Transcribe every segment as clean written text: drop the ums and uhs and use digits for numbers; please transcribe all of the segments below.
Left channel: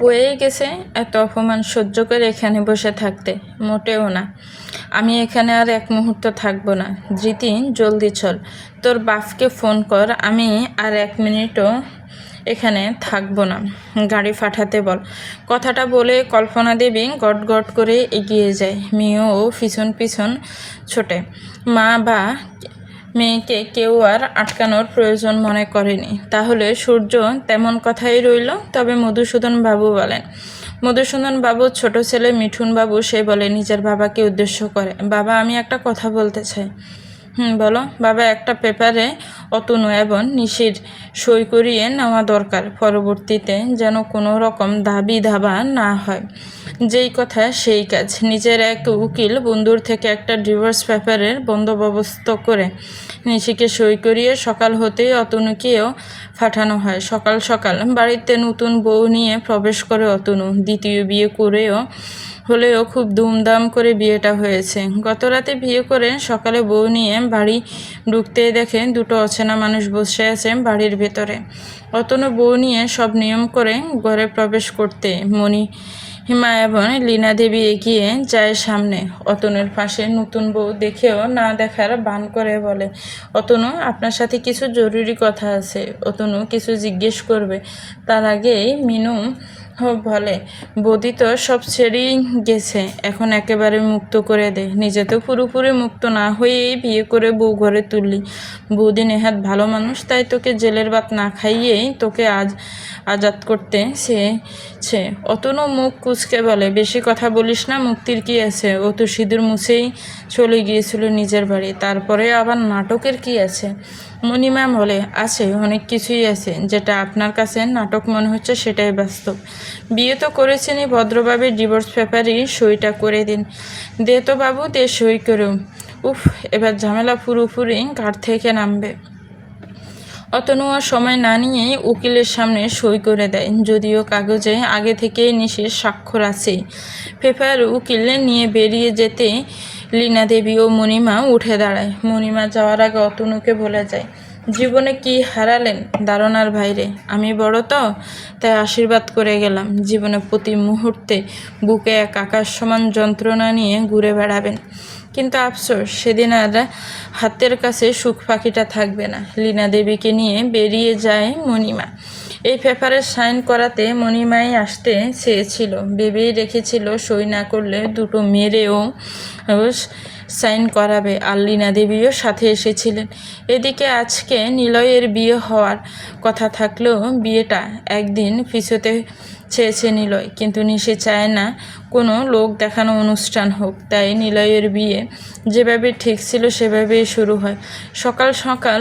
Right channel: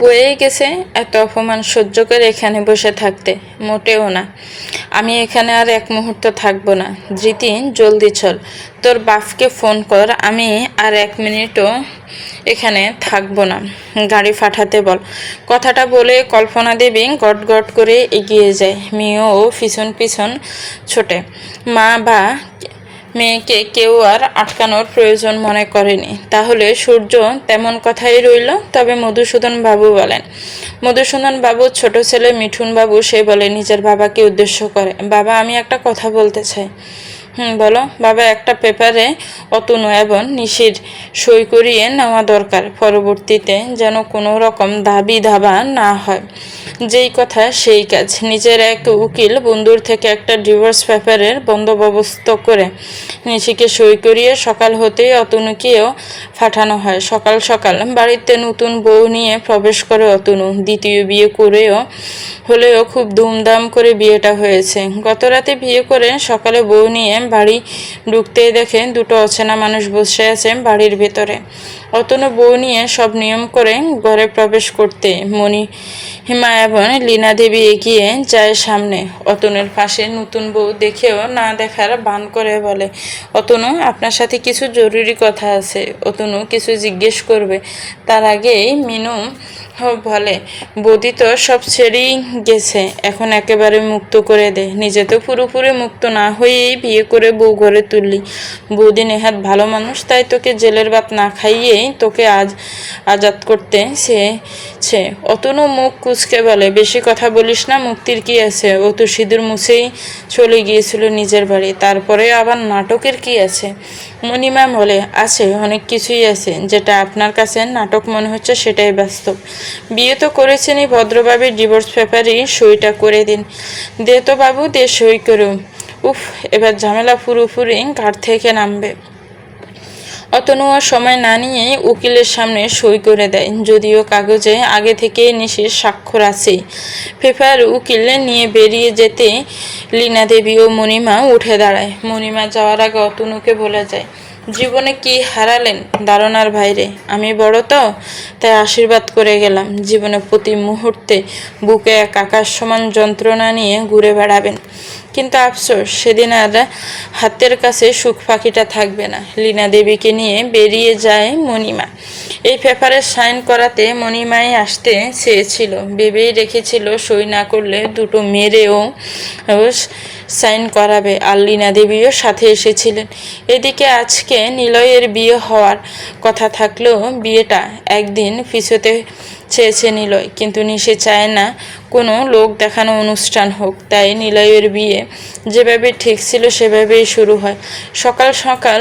বয়ে গেছে এত অপমান সহ্য করে এখানে বসে থাকতে। মোটেও না, আমি এখানে আর এক মুহূর্ত থাকবো না। ধৃতি, জলদি চল, তোর বাপকে ফোন কর, আমি আর 1 মিনিটও এখানে থাকবো না, গাড়ি পাঠাতে বল। কথাটা বলে কল্পনা দেবী গট গট করে এগিয়ে যায়। মেয়েও পিছন পিছন ছোটে। মা বা মেয়েকে কেউ আর আটকানোর প্রয়োজন মনে করেনি। তাহলে সূর্য তেমন কথাই রইল। তবে মধুসূদন বাবু বলেন। মধুসূদন বাবুর ছোট ছেলে মিঠুন বাবু, সে বলে নিজের বাবাকে উদ্দেশ্য করে, বাবা আমি একটা কথা বলতে চাই। বলো বাবা। একটা পেপারে অতনু এবং নিশির সই করিয়ে নেওয়া দরকার, পরবর্তীতে যেন কোনো রকম দাবি দাবা না হয়। যেই কথা সেই কাজ। নিজের এক উকিল বন্ধুর থেকে একটা ডিভোর্স পেপারের বন্দোবস্ত করে নিশিকে সই করিয়ে সকাল হতেই অতনুকেও পাঠানো হয়। সকাল সকাল বাড়িতে নতুন বউ নিয়ে প্রবেশ করে অতনু। দ্বিতীয় বিয়ে হলেও খুব ধুমধাম করে বিয়েটা হয়েছে। গত রাতে বিয়ে করে সকালে বউ নিয়ে বাড়ি ঢুকতেই দেখে দুটো অচেনা মানুষ বসে আছে বাড়ির ভেতরে। অতনু বউ নিয়ে সব নিয়ম করে ঘরে প্রবেশ করতে মণিমা এবং লীনা দেবী এগিয়ে যায় সামনে। অতনুর পাশে নতুন বউ দেখেও না দেখার ভান করে বলে, অতনু আপনার সাথে কিছু জরুরি কথা আছে। অতনু কিছু জিজ্ঞেস করবে তার আগেই মিনু বলে, বৌদি তো সব ছেড়েই গেছে, এখন একেবারে মুক্ত করে দে। নিজে তো পুরোপুরি মুক্ত না হয়েই বিয়ে করে বউ ঘরে তুললি। বৌদি নেহাত ভালো মানুষ, তাই তোকে জেলের ভাত না খাইয়েই তোকে আজাদ করতে চেয়েছে। অতনু মুখ কুচকে বলে, বেশি কথা বলিস না, মুক্তির কি আছে? ও তো সিঁদুর মুছেই চলে গিয়েছিল নিজের বাড়ি, তারপরে আবার নাটকের কি আছে? মণিমা বলে, আছে, অনেক কিছুই আছে। যেটা আপনার কাছে নাটক মনে হচ্ছে সেটাই বাস্তব। বিয়ে তো করেছেনই ভদ্রভাবে, ডিভোর্স পেপারই সইটা করে দিন। দে তো বাবু, দে সই করুন। উফ, এবার ঝামেলা পুরোপুরি ঘাট থেকে নামবে। অতনু আর সময় না নিয়ে উকিলের সামনে সই করে দেয়, যদিও কাগজে আগে থেকে নিশির স্বাক্ষর আছেই। পেপার উকিল নিয়ে বেরিয়ে যেতে লীনা দেবী ও মণিমা উঠে দাঁড়ায়। মণিমা যাওয়ার আগে অতনুকে বলে যায়, জীবনে কি হারালেন ধারণার বাইরে। আমি বড় তো, তাই আশীর্বাদ করে গেলাম, জীবনে প্রতি মুহূর্তে বুকে এক আকাশ সমান যন্ত্রণা নিয়ে ঘুরে বেড়াবেন। কিন্তু আফসোস, সেদিন আর হাতের কাছে সুখ পাখিটা থাকবে না। লীনা দেবীকে নিয়ে বেরিয়ে যায় মণিমা। এই পেপারে সাইন করাতে মণিমাই আসতে চেয়েছিল, ভেবেই রেখেছিল সই না করলে দুটো মেরেও সাইন করাবে। আর লীনা দেবীও সাথে এসেছিলেন। এদিকে আজকে নিলয়ের বিয়ে হওয়ার কথা থাকলেও বিয়েটা একদিন পিছোতে চেয়েছে নিলয়, কিন্তু নিশে চায় না কোনো লোক দেখানো অনুষ্ঠান হোক। তাই নিলয়ের বিয়ে যেভাবে ঠিক ছিল সেভাবেই শুরু হয়। সকাল সকাল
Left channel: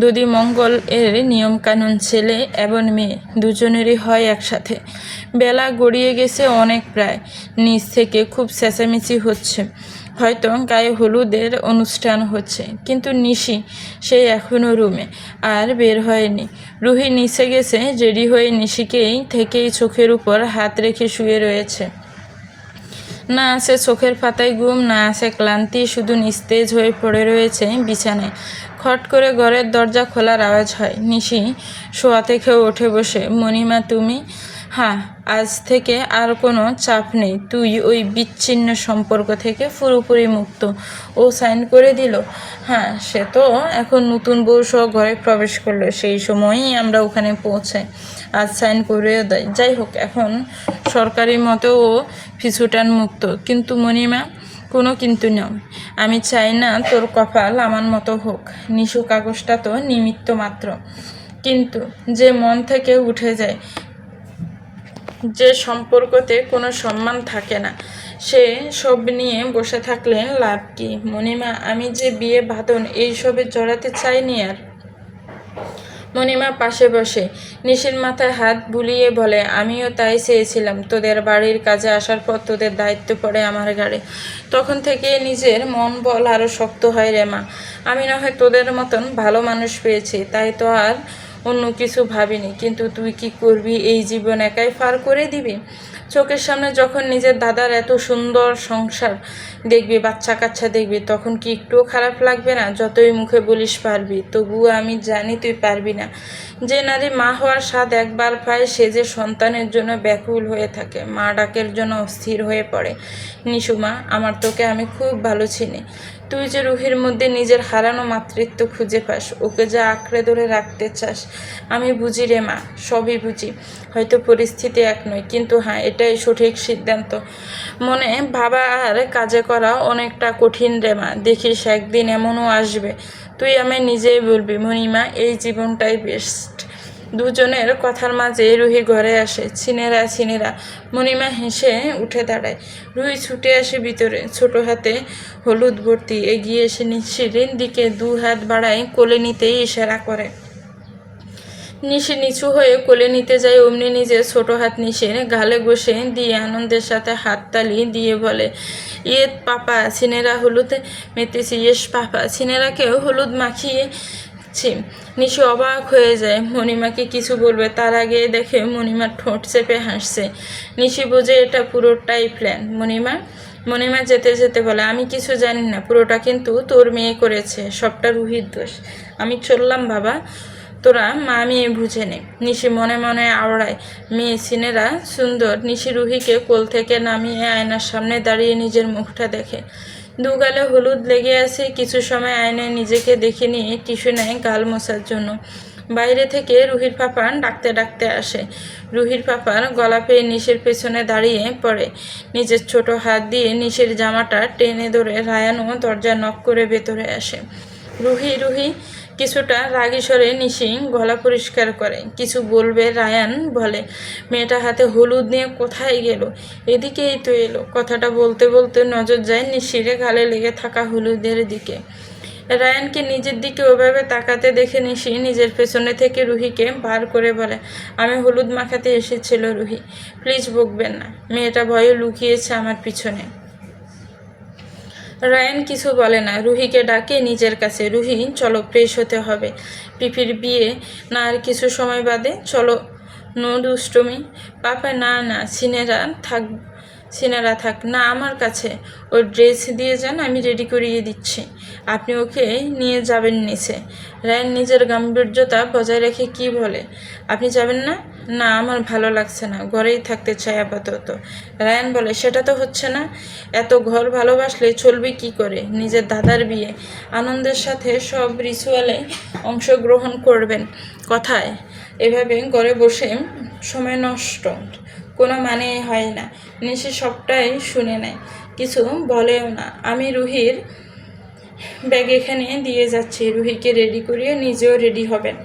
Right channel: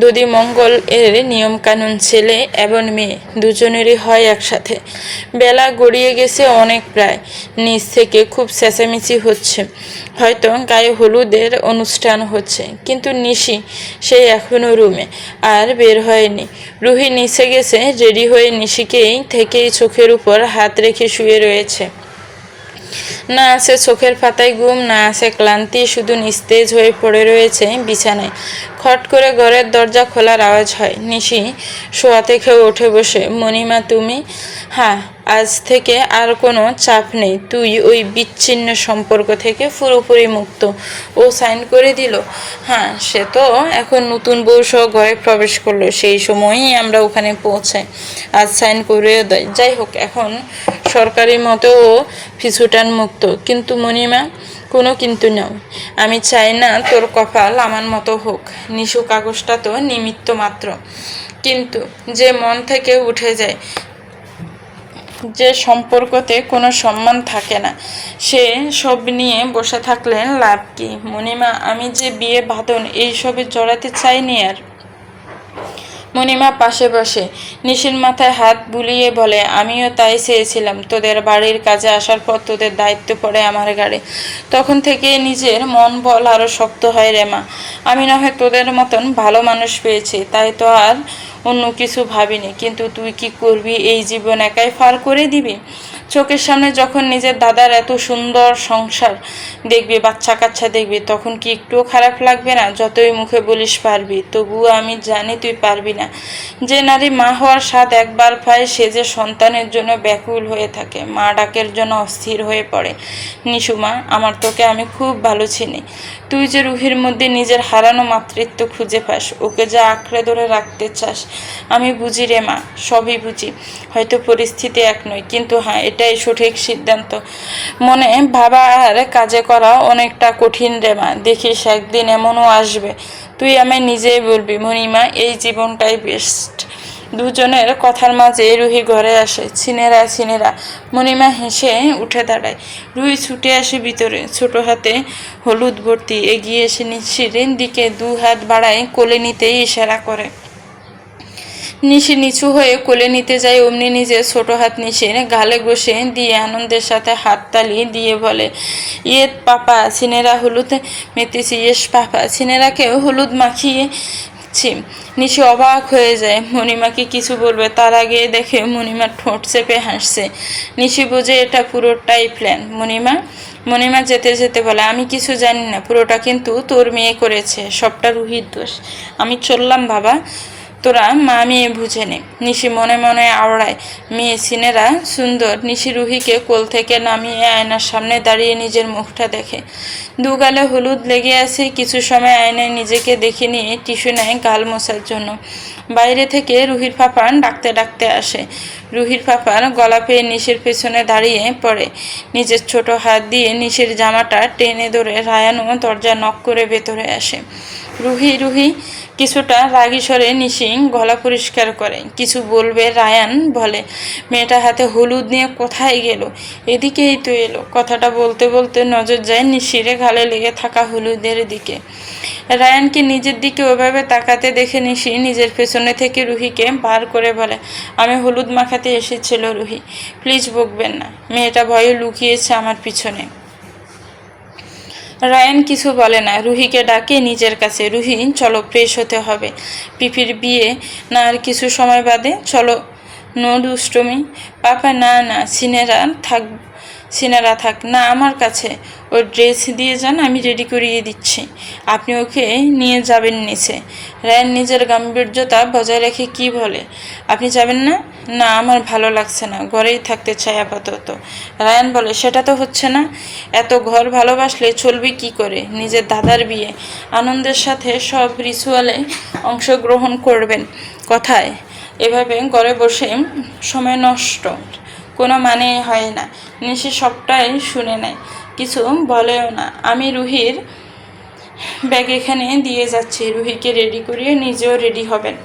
দধি মঙ্গল এর নিয়মকানুন, ছেলে এবং মেয়ে দুজনেরই হয় একসাথে। বেলা গড়িয়ে গেছে অনেক, প্রায়। নিচ থেকে খুব চেঁচামেচি হচ্ছে, হয়তো গায়ে হলুদের অনুষ্ঠান হচ্ছে। কিন্তু নিশি সেই এখনও রুমে আর বের হয়নি। রুহি নিচে গেছে রেডি হয়ে নিশিকেই থেকেই চোখের উপর হাত রেখে শুয়ে রয়েছে। না আছে চোখের পাতায় ঘুম, না আছে ক্লান্তি, শুধু নিস্তেজ হয়ে পড়ে রয়েছে বিছানায়। খট করে ঘরের দরজা খোলার আওয়াজ হয়। নিশি শোয়া থেকে উঠে বসে, মণিমা তুমি? হ্যাঁ, আজ থেকে আর কোনো চাপ নেই, তুই ওই বিচ্ছিন্ন সম্পর্ক থেকে পুরোপুরি মুক্ত। ও সাইন করে দিল? হ্যাঁ, সে তো এখন নতুন বউ সহ ঘরে প্রবেশ করলো, সেই সময়ই আমরা ওখানে পৌঁছাই। আজ সাইন করেও দেয়। যাই হোক, এখন সরকারি মতো ও পিছুটান মুক্ত। কিন্তু মণিমা, কোনো কিন্তু নয়। আমি চাই না তোর কপাল আমার মতো হোক। নিশু কাগজটা তো নিমিত্ত মাত্র, কিন্তু যে মন থেকে উঠে যায়, যে সম্পর্কতে কোনো সম্মান থাকে না, সে সব নিয়ে বসে থাকলে লাভ কি? মণিমা, আমি যে বিয়ে বাঁধন এইসবে জড়াতে চাইনি আর। মণিমা পাশে বসে নিশির মাথায় হাত বুলিয়ে বলে, আমিও তাই চেয়েছিলাম। তোদের বাড়ির কাজে আসার পর তোদের দায়িত্ব পড়ে আমার ঘাড়ে। তখন থেকে নিজের মন বল আরও শক্ত হয় রে মা। আমি না হয় তোদের মতন ভালো মানুষ পেয়েছি, তাই তো আর অন্য কিছু ভাবিনি, কিন্তু তুই কি করবি? এই জীবন একাই পার করে দিবি? চোখের সামনে যখন নিজের দাদার এত সুন্দর সংসার দেখবি, বাচ্চা কাচ্চা দেখবি, তখন কি একটুও খারাপ লাগবে না? যতই মুখে বলিস পারবি, তবুও আমি জানি তুই পারবি না। যে নারী মা হওয়ার স্বাদ একবার পায়, সে যে সন্তানের জন্য ব্যাকুল হয়ে থাকে, মা ডাকের জন্য অস্থির হয়ে পড়ে। নিশুমা, আমার তোকে আমি খুব ভালো চিনি। তুই যে রুহির মধ্যে নিজের হারানো মাতৃত্ব খুঁজে পাস, ওকে যে আঁকড়ে ধরে রাখতে চাস, আমি বুঝি রে মা, সবই বুঝি। হয়তো পরিস্থিতি এক নয়, কিন্তু হ্যাঁ, এটাই সঠিক সিদ্ধান্ত। মনে ভাবা আর কাজে করা অনেকটা কঠিন রে মা। দেখিস একদিন এমনও আসবে, তুই আমায় নিজেই বলবি, মণিমা, এই জীবনটাই বেস্ট। দুজনের কথার মাঝে রুহি ঘরে আসে। ছিনেরা ছিনেরা। মণিমা হেসে উঠে দাঁড়ায়। রুহি ছুটে আসে ভিতরে, ছোট হাতে হলুদ ভর্তি। এগিয়ে এসে নিশির দিকে 2 হাত বাড়ায়, কোলে নিতেই ইশারা করে। নিশি নিচু হয়ে কোলে নিতে যায়, অমনি নিজের ছোট হাত নিশির গালে ঘষে দিয়ে আনন্দের সাথে হাততালি দিয়ে বলে, ইয়ে পাপা, সিনেরা হলুদ মেতেছি। ইয়েস পাপা। সিনেরাকেও হলুদ মাখিয়ে নিশি অবাক হয়ে যায়। মণিমাকে কিছু বলবে তার আগে দেখে মণিমার ঠোঁট চেপে হাসছে। নিশি বোঝে এটা পুরোটাই প্ল্যান। মণিমা যেতে যেতে বলে, আমি কিছু জানি না, পুরোটা কিন্তু তোর মেয়ে করেছে, সবটা রুহির দোষ। আমি চললাম বাবা, তোরা মা মেয়ে বুঝে নে। নিশি মনে মনে আওড়ায়, মেয়ে সিনেরা সুন্দর। নিশি রুহিকে কোল থেকে নামিয়ে আয়নার সামনে দাঁড়িয়ে নিজের মুখটা দেখে। দুগালে হলুদ লেগে আছে। কিছু সময় আয়নায় নিজেকে দেখে নিয়ে টিস্যু নেয় গাল মোছার জন্য। বাইরে থেকে রুহির পাপান ডাকতে ডাকতে আসে। রুহির পাপার গলা পেয়ে নিশির পেছনে দাঁড়িয়ে পড়ে। নিজের ছোট হাত দিয়ে নিশির জামাটা টেনে ধরে রায়ানও দরজা নক করে ভেতরে আসে। রুহি রুহি কিছুটা রাগী স্বরে নিশি গলা পরিষ্কার করে। কিছু বলবে রায়ান বলে, মেয়েটা হাতে হলুদ নিয়ে কোথায় গেল? এদিকেই তো এলো। কথাটা বলতে বলতে নজর যায় নিশিরে গালে লেগে থাকা হলুদের দিকে। রায়ানকে নিজের দিকে ওভাবে তাকাতে দেখে নিশি নিজের পেছনে থেকে রুহিকে পার করে বলে, আমি হলুদ মাখাতে এসেছিল রুহি, প্লিজ বকবেন না। মেয়েটা ভয়ে লুকিয়েছে আমার পিছনে। রায়ান কিছু বলে না, রুহিকে ডাকে নিজের কাছে। রুহি, চলো, ফ্রেশ হতে হবে, পিপির বিয়ে না আর কিছু সময় বাদে, চলো। নো দুষ্টমি। পাপা, না না, সিনেরা থাক না আমার কাছে। ওর ড্রেস দিয়ে যান, আমি রেডি করিয়ে দিচ্ছি। আপনি ওকে নিয়ে যাবেন নিচে। রায়ান নিজের গাম্ভীর্যতা বজায় রেখে কি বলে, আপনি যাবেন না? না, আমার ভালো লাগছে না, ঘরেই থাকতে চাই আপাতত। রায়ান বলে, সেটা তো হচ্ছে না। এত ঘর ভালোবাসলে চলবে কি করে? নিজের দাদার বিয়ে, আনন্দের সাথে সব রিচুয়ালে অংশগ্রহণ করবেন। কথায় এভাবে ঘরে বসে সময় নষ্ট কোনো মানে হয় না। নিশি সবটাই শুনে নেয়, কিছু বলেও না। আমি রুহির ব্যাগ এখানে দিয়ে যাচ্ছি, রুহিকে রেডি করিয়ে নিজেও রেডি হবেন।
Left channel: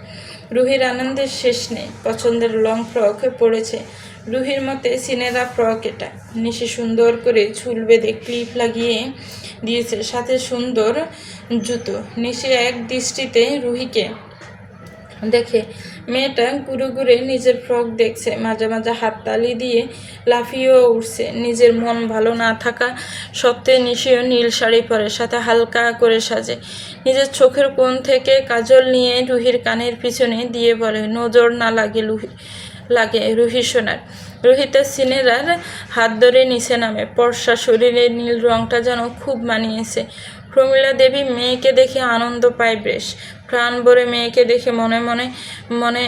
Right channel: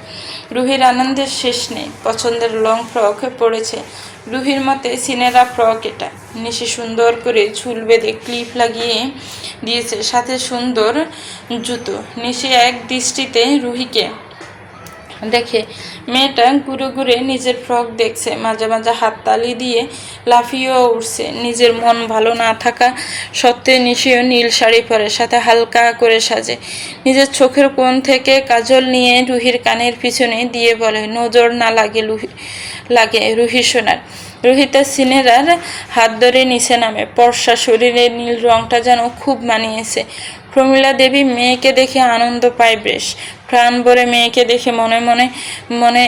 রুহির আনন্দের শেষ নেই। পছন্দের লং ফ্রক পরেছে রুহির মতে সিনেরা ফ্রক এটা। নিশি সুন্দর করে চুল বেঁধে ক্লিপ লাগিয়ে দিয়েছে, সাথে সুন্দর জুতো। নিশি এক দৃষ্টিতে রুহিকে দেখে। মেয়েটা ঘুরে ঘুরে নিজের ফ্রক দেখছে, মাঝে মাঝে হাততালি দিয়ে লাফিয়েও উঠছে। নিজের মন ভালো না থাকা সত্ত্বে নিশিও নীল শাড়ি পরে, সাথে হালকা করে সাজে। নিজের চোখের কোণ থেকে কাজল নিয়ে রুহির কানের পিছনে দিয়ে বলে, নজর না লাগে রুহি সোনার। রুহি তার সিনেরার হাত ধরে নিচে নামে। ফর্সা শরীরের নীল রংটা যেন খুব মানিয়েছে। প্রমীলা দেবী মেয়েকে দেখে আনন্দ পায় বেশ। প্রাণ ভরে মেয়েকে দেখে মনে মনে মনে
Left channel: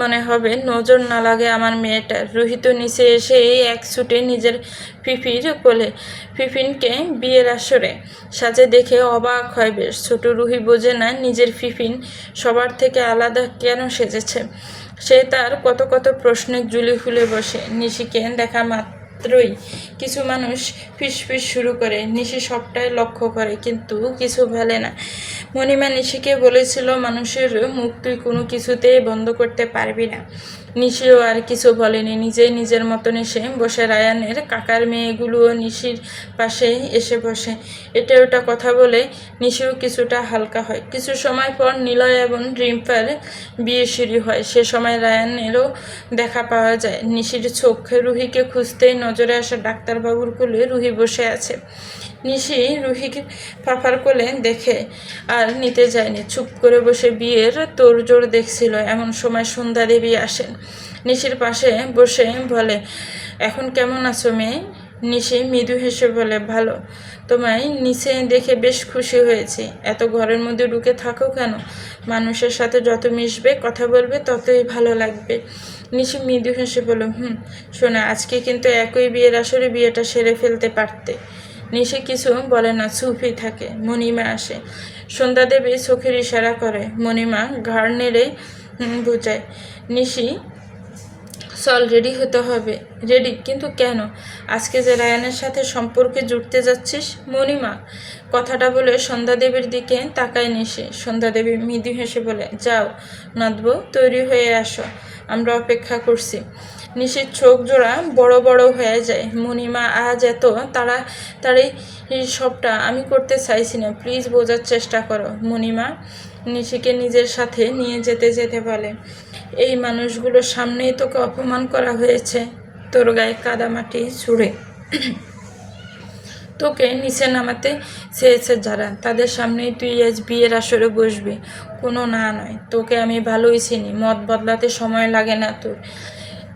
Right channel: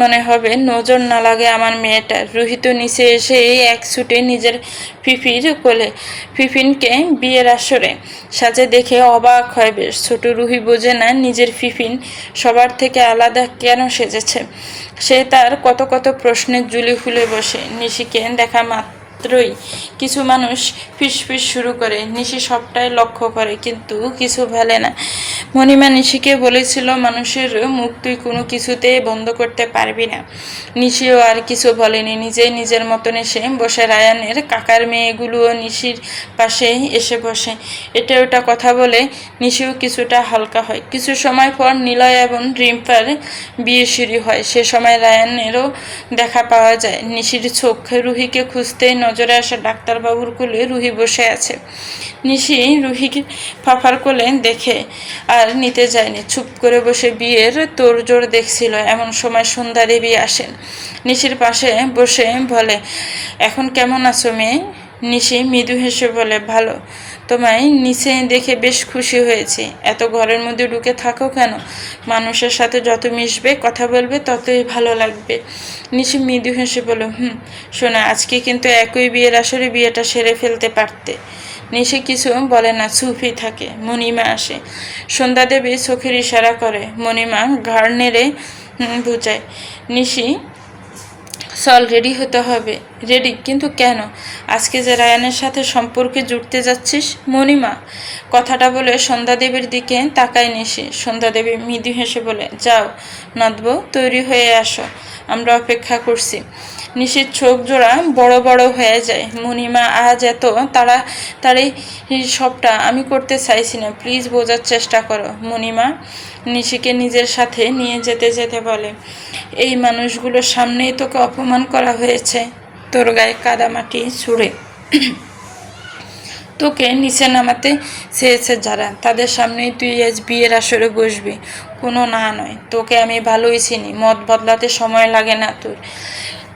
মনে হবে, নজর না লাগে আমার মেয়েটার। রুহি তো নিচে এসে এই এক ছুটে নিজের ফিফির কোলে। ফিফিনকে বিয়ের আসরে সাজে দেখে অবাক হয় বেশ। ছোট রুহি বোঝে না নিজের ফিফিন সবার থেকে আলাদা কেন সেজেছে। সে তার কত কত প্রশ্নের জুলি খুলে বসে। নিশিকে দেখা মাত্রই কিছু মানুষ ফিসফিস শুরু করে। নিশি সবটাই লক্ষ্য করে, কিন্তু কিছু ভালে না। মণিমা নিশিকে বলেছিল, মানুষের মুখ তুই কোনো কিছুতেই বন্ধ করতে পারবি না। নিশিও আর কিছু বলেনি, নিজেই নিজের মতন এসে বসে। রায়ানের কাকার মেয়েগুলোও নিশির পাশে এসে বসে। এটা ওটা কথা বলে নিশিও কিছুটা হালকা হয়। কিছু সময় পর নিলয় এবং রিম্পার বিয়ে শুরু হয়। সে সময় রায়ানেরও দেখা পাওয়া যায়। নিশির চোখ রুহিকে খুঁজতেই নজরে আসা ডাক্তারবাবুর কোলে রুহি বসে আছে। নিশি রুহিকে ফাফার কোলে দেখে আর নিতে যায়নি, চুপ করে বসে বিয়ের তোড়জোড় দেখছিল। এমন সময় সন্ধ্যা দেবী আসেন, নিশির পাশে বসে বলে, এখন কেমন আছো মেয়ে? নিশি মৃদু হেসে বলে, ভালো। তোমায় নিচে দেখে বেশ খুশি হয়েছি। এত ঘরের মধ্যে ঢুকে থাকো কেন? মানুষের সাথে যত মিশবে, কথা বলবে, ততই ভালো লাগবে। নিশি মৃদু হেসে বলল, শোনা, আজকে কিন্তু একই বিয়ের আসরে বিয়েটা সেরে ফেলতে পারতে। নিশি কিছু বলে না, চুপই থাকে। মণিমা আসে। সন্ধ্যা দেবী চোখের ইশারা করে, মণিমা ঘাড় নেড়ে বুঝায়, নিশি চল, রেডি হতে হবে। রেডি? কিন্তু কেন? আজকে যে রায়ানের সাথে সম্পর্কে জুড়তে যাচ্ছিস। মণিমা কথাটা বলে সন্ধ্যাদেবীর দিকে তাকায় নিশি। সন্ধ্যাদেবী মৃদু হেসে বলে, যাও নদবো, তৈরি হয়ে আসো, আমরা অপেক্ষা করছি। নিশির চোখ জোড়া বড় বড় হয়ে যায়। মণিমা, আজ এত তাড়াতাড়ি সবটা আমি করতে চাইছি না, প্লিজ বোঝার চেষ্টা করো। মণিমা নিশিকে নিজের সাথে নিয়ে যেতে যেতে বলে, এই মানুষগুলোর সামনেই তোকে অপমান করা হয়েছে, তোর গায়ে কাদামাটি ছুঁড়ে তোকে নিচে নামাতে চেয়েছে যারা, তাদের সামনেই তুই আজ বিয়ের আসরে বসবি। কোনো না নয়, তোকে আমি ভালোই চিনি, মত বদলাতে সময় লাগে না তোর।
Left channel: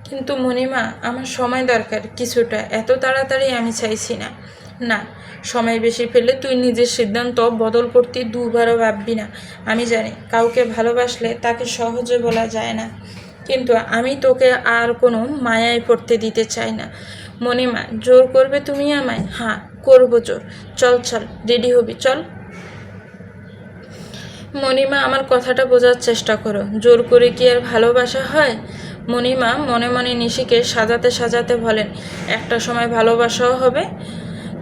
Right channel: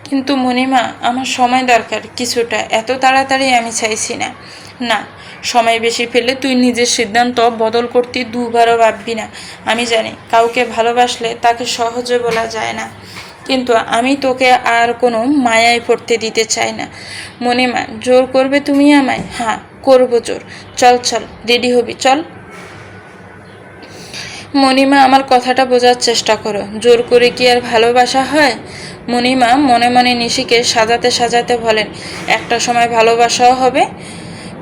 কিন্তু মণিমা, আমার সময় দরকার কিছুটা, এত তাড়াতাড়ি আমি চাইছি না। না, সময় বেশি পেলে তুই নিজের সিদ্ধান্ত বদল করতে দুবারও ভাববি না। আমি জানি কাউকে ভালোবাসলে তাকে সহজে বলা যায় না, কিন্তু আমি তোকে আর কোনো মায়ায় পড়তে দিতে চাই না। মণিমা, জোর করবে তুমি আমায়? হ্যাঁ, করবো জোর। চল চল, রেডি হবি, চল। মণিমা, আমার কথাটা বোঝার চেষ্টা করো, জোর করে কি আর ভালোবাসা হয়? মণিমা মনে মনে নিশিকে সাজাতে সাজাতে বলেন, একটা সময় ভালোবাসাও হবে,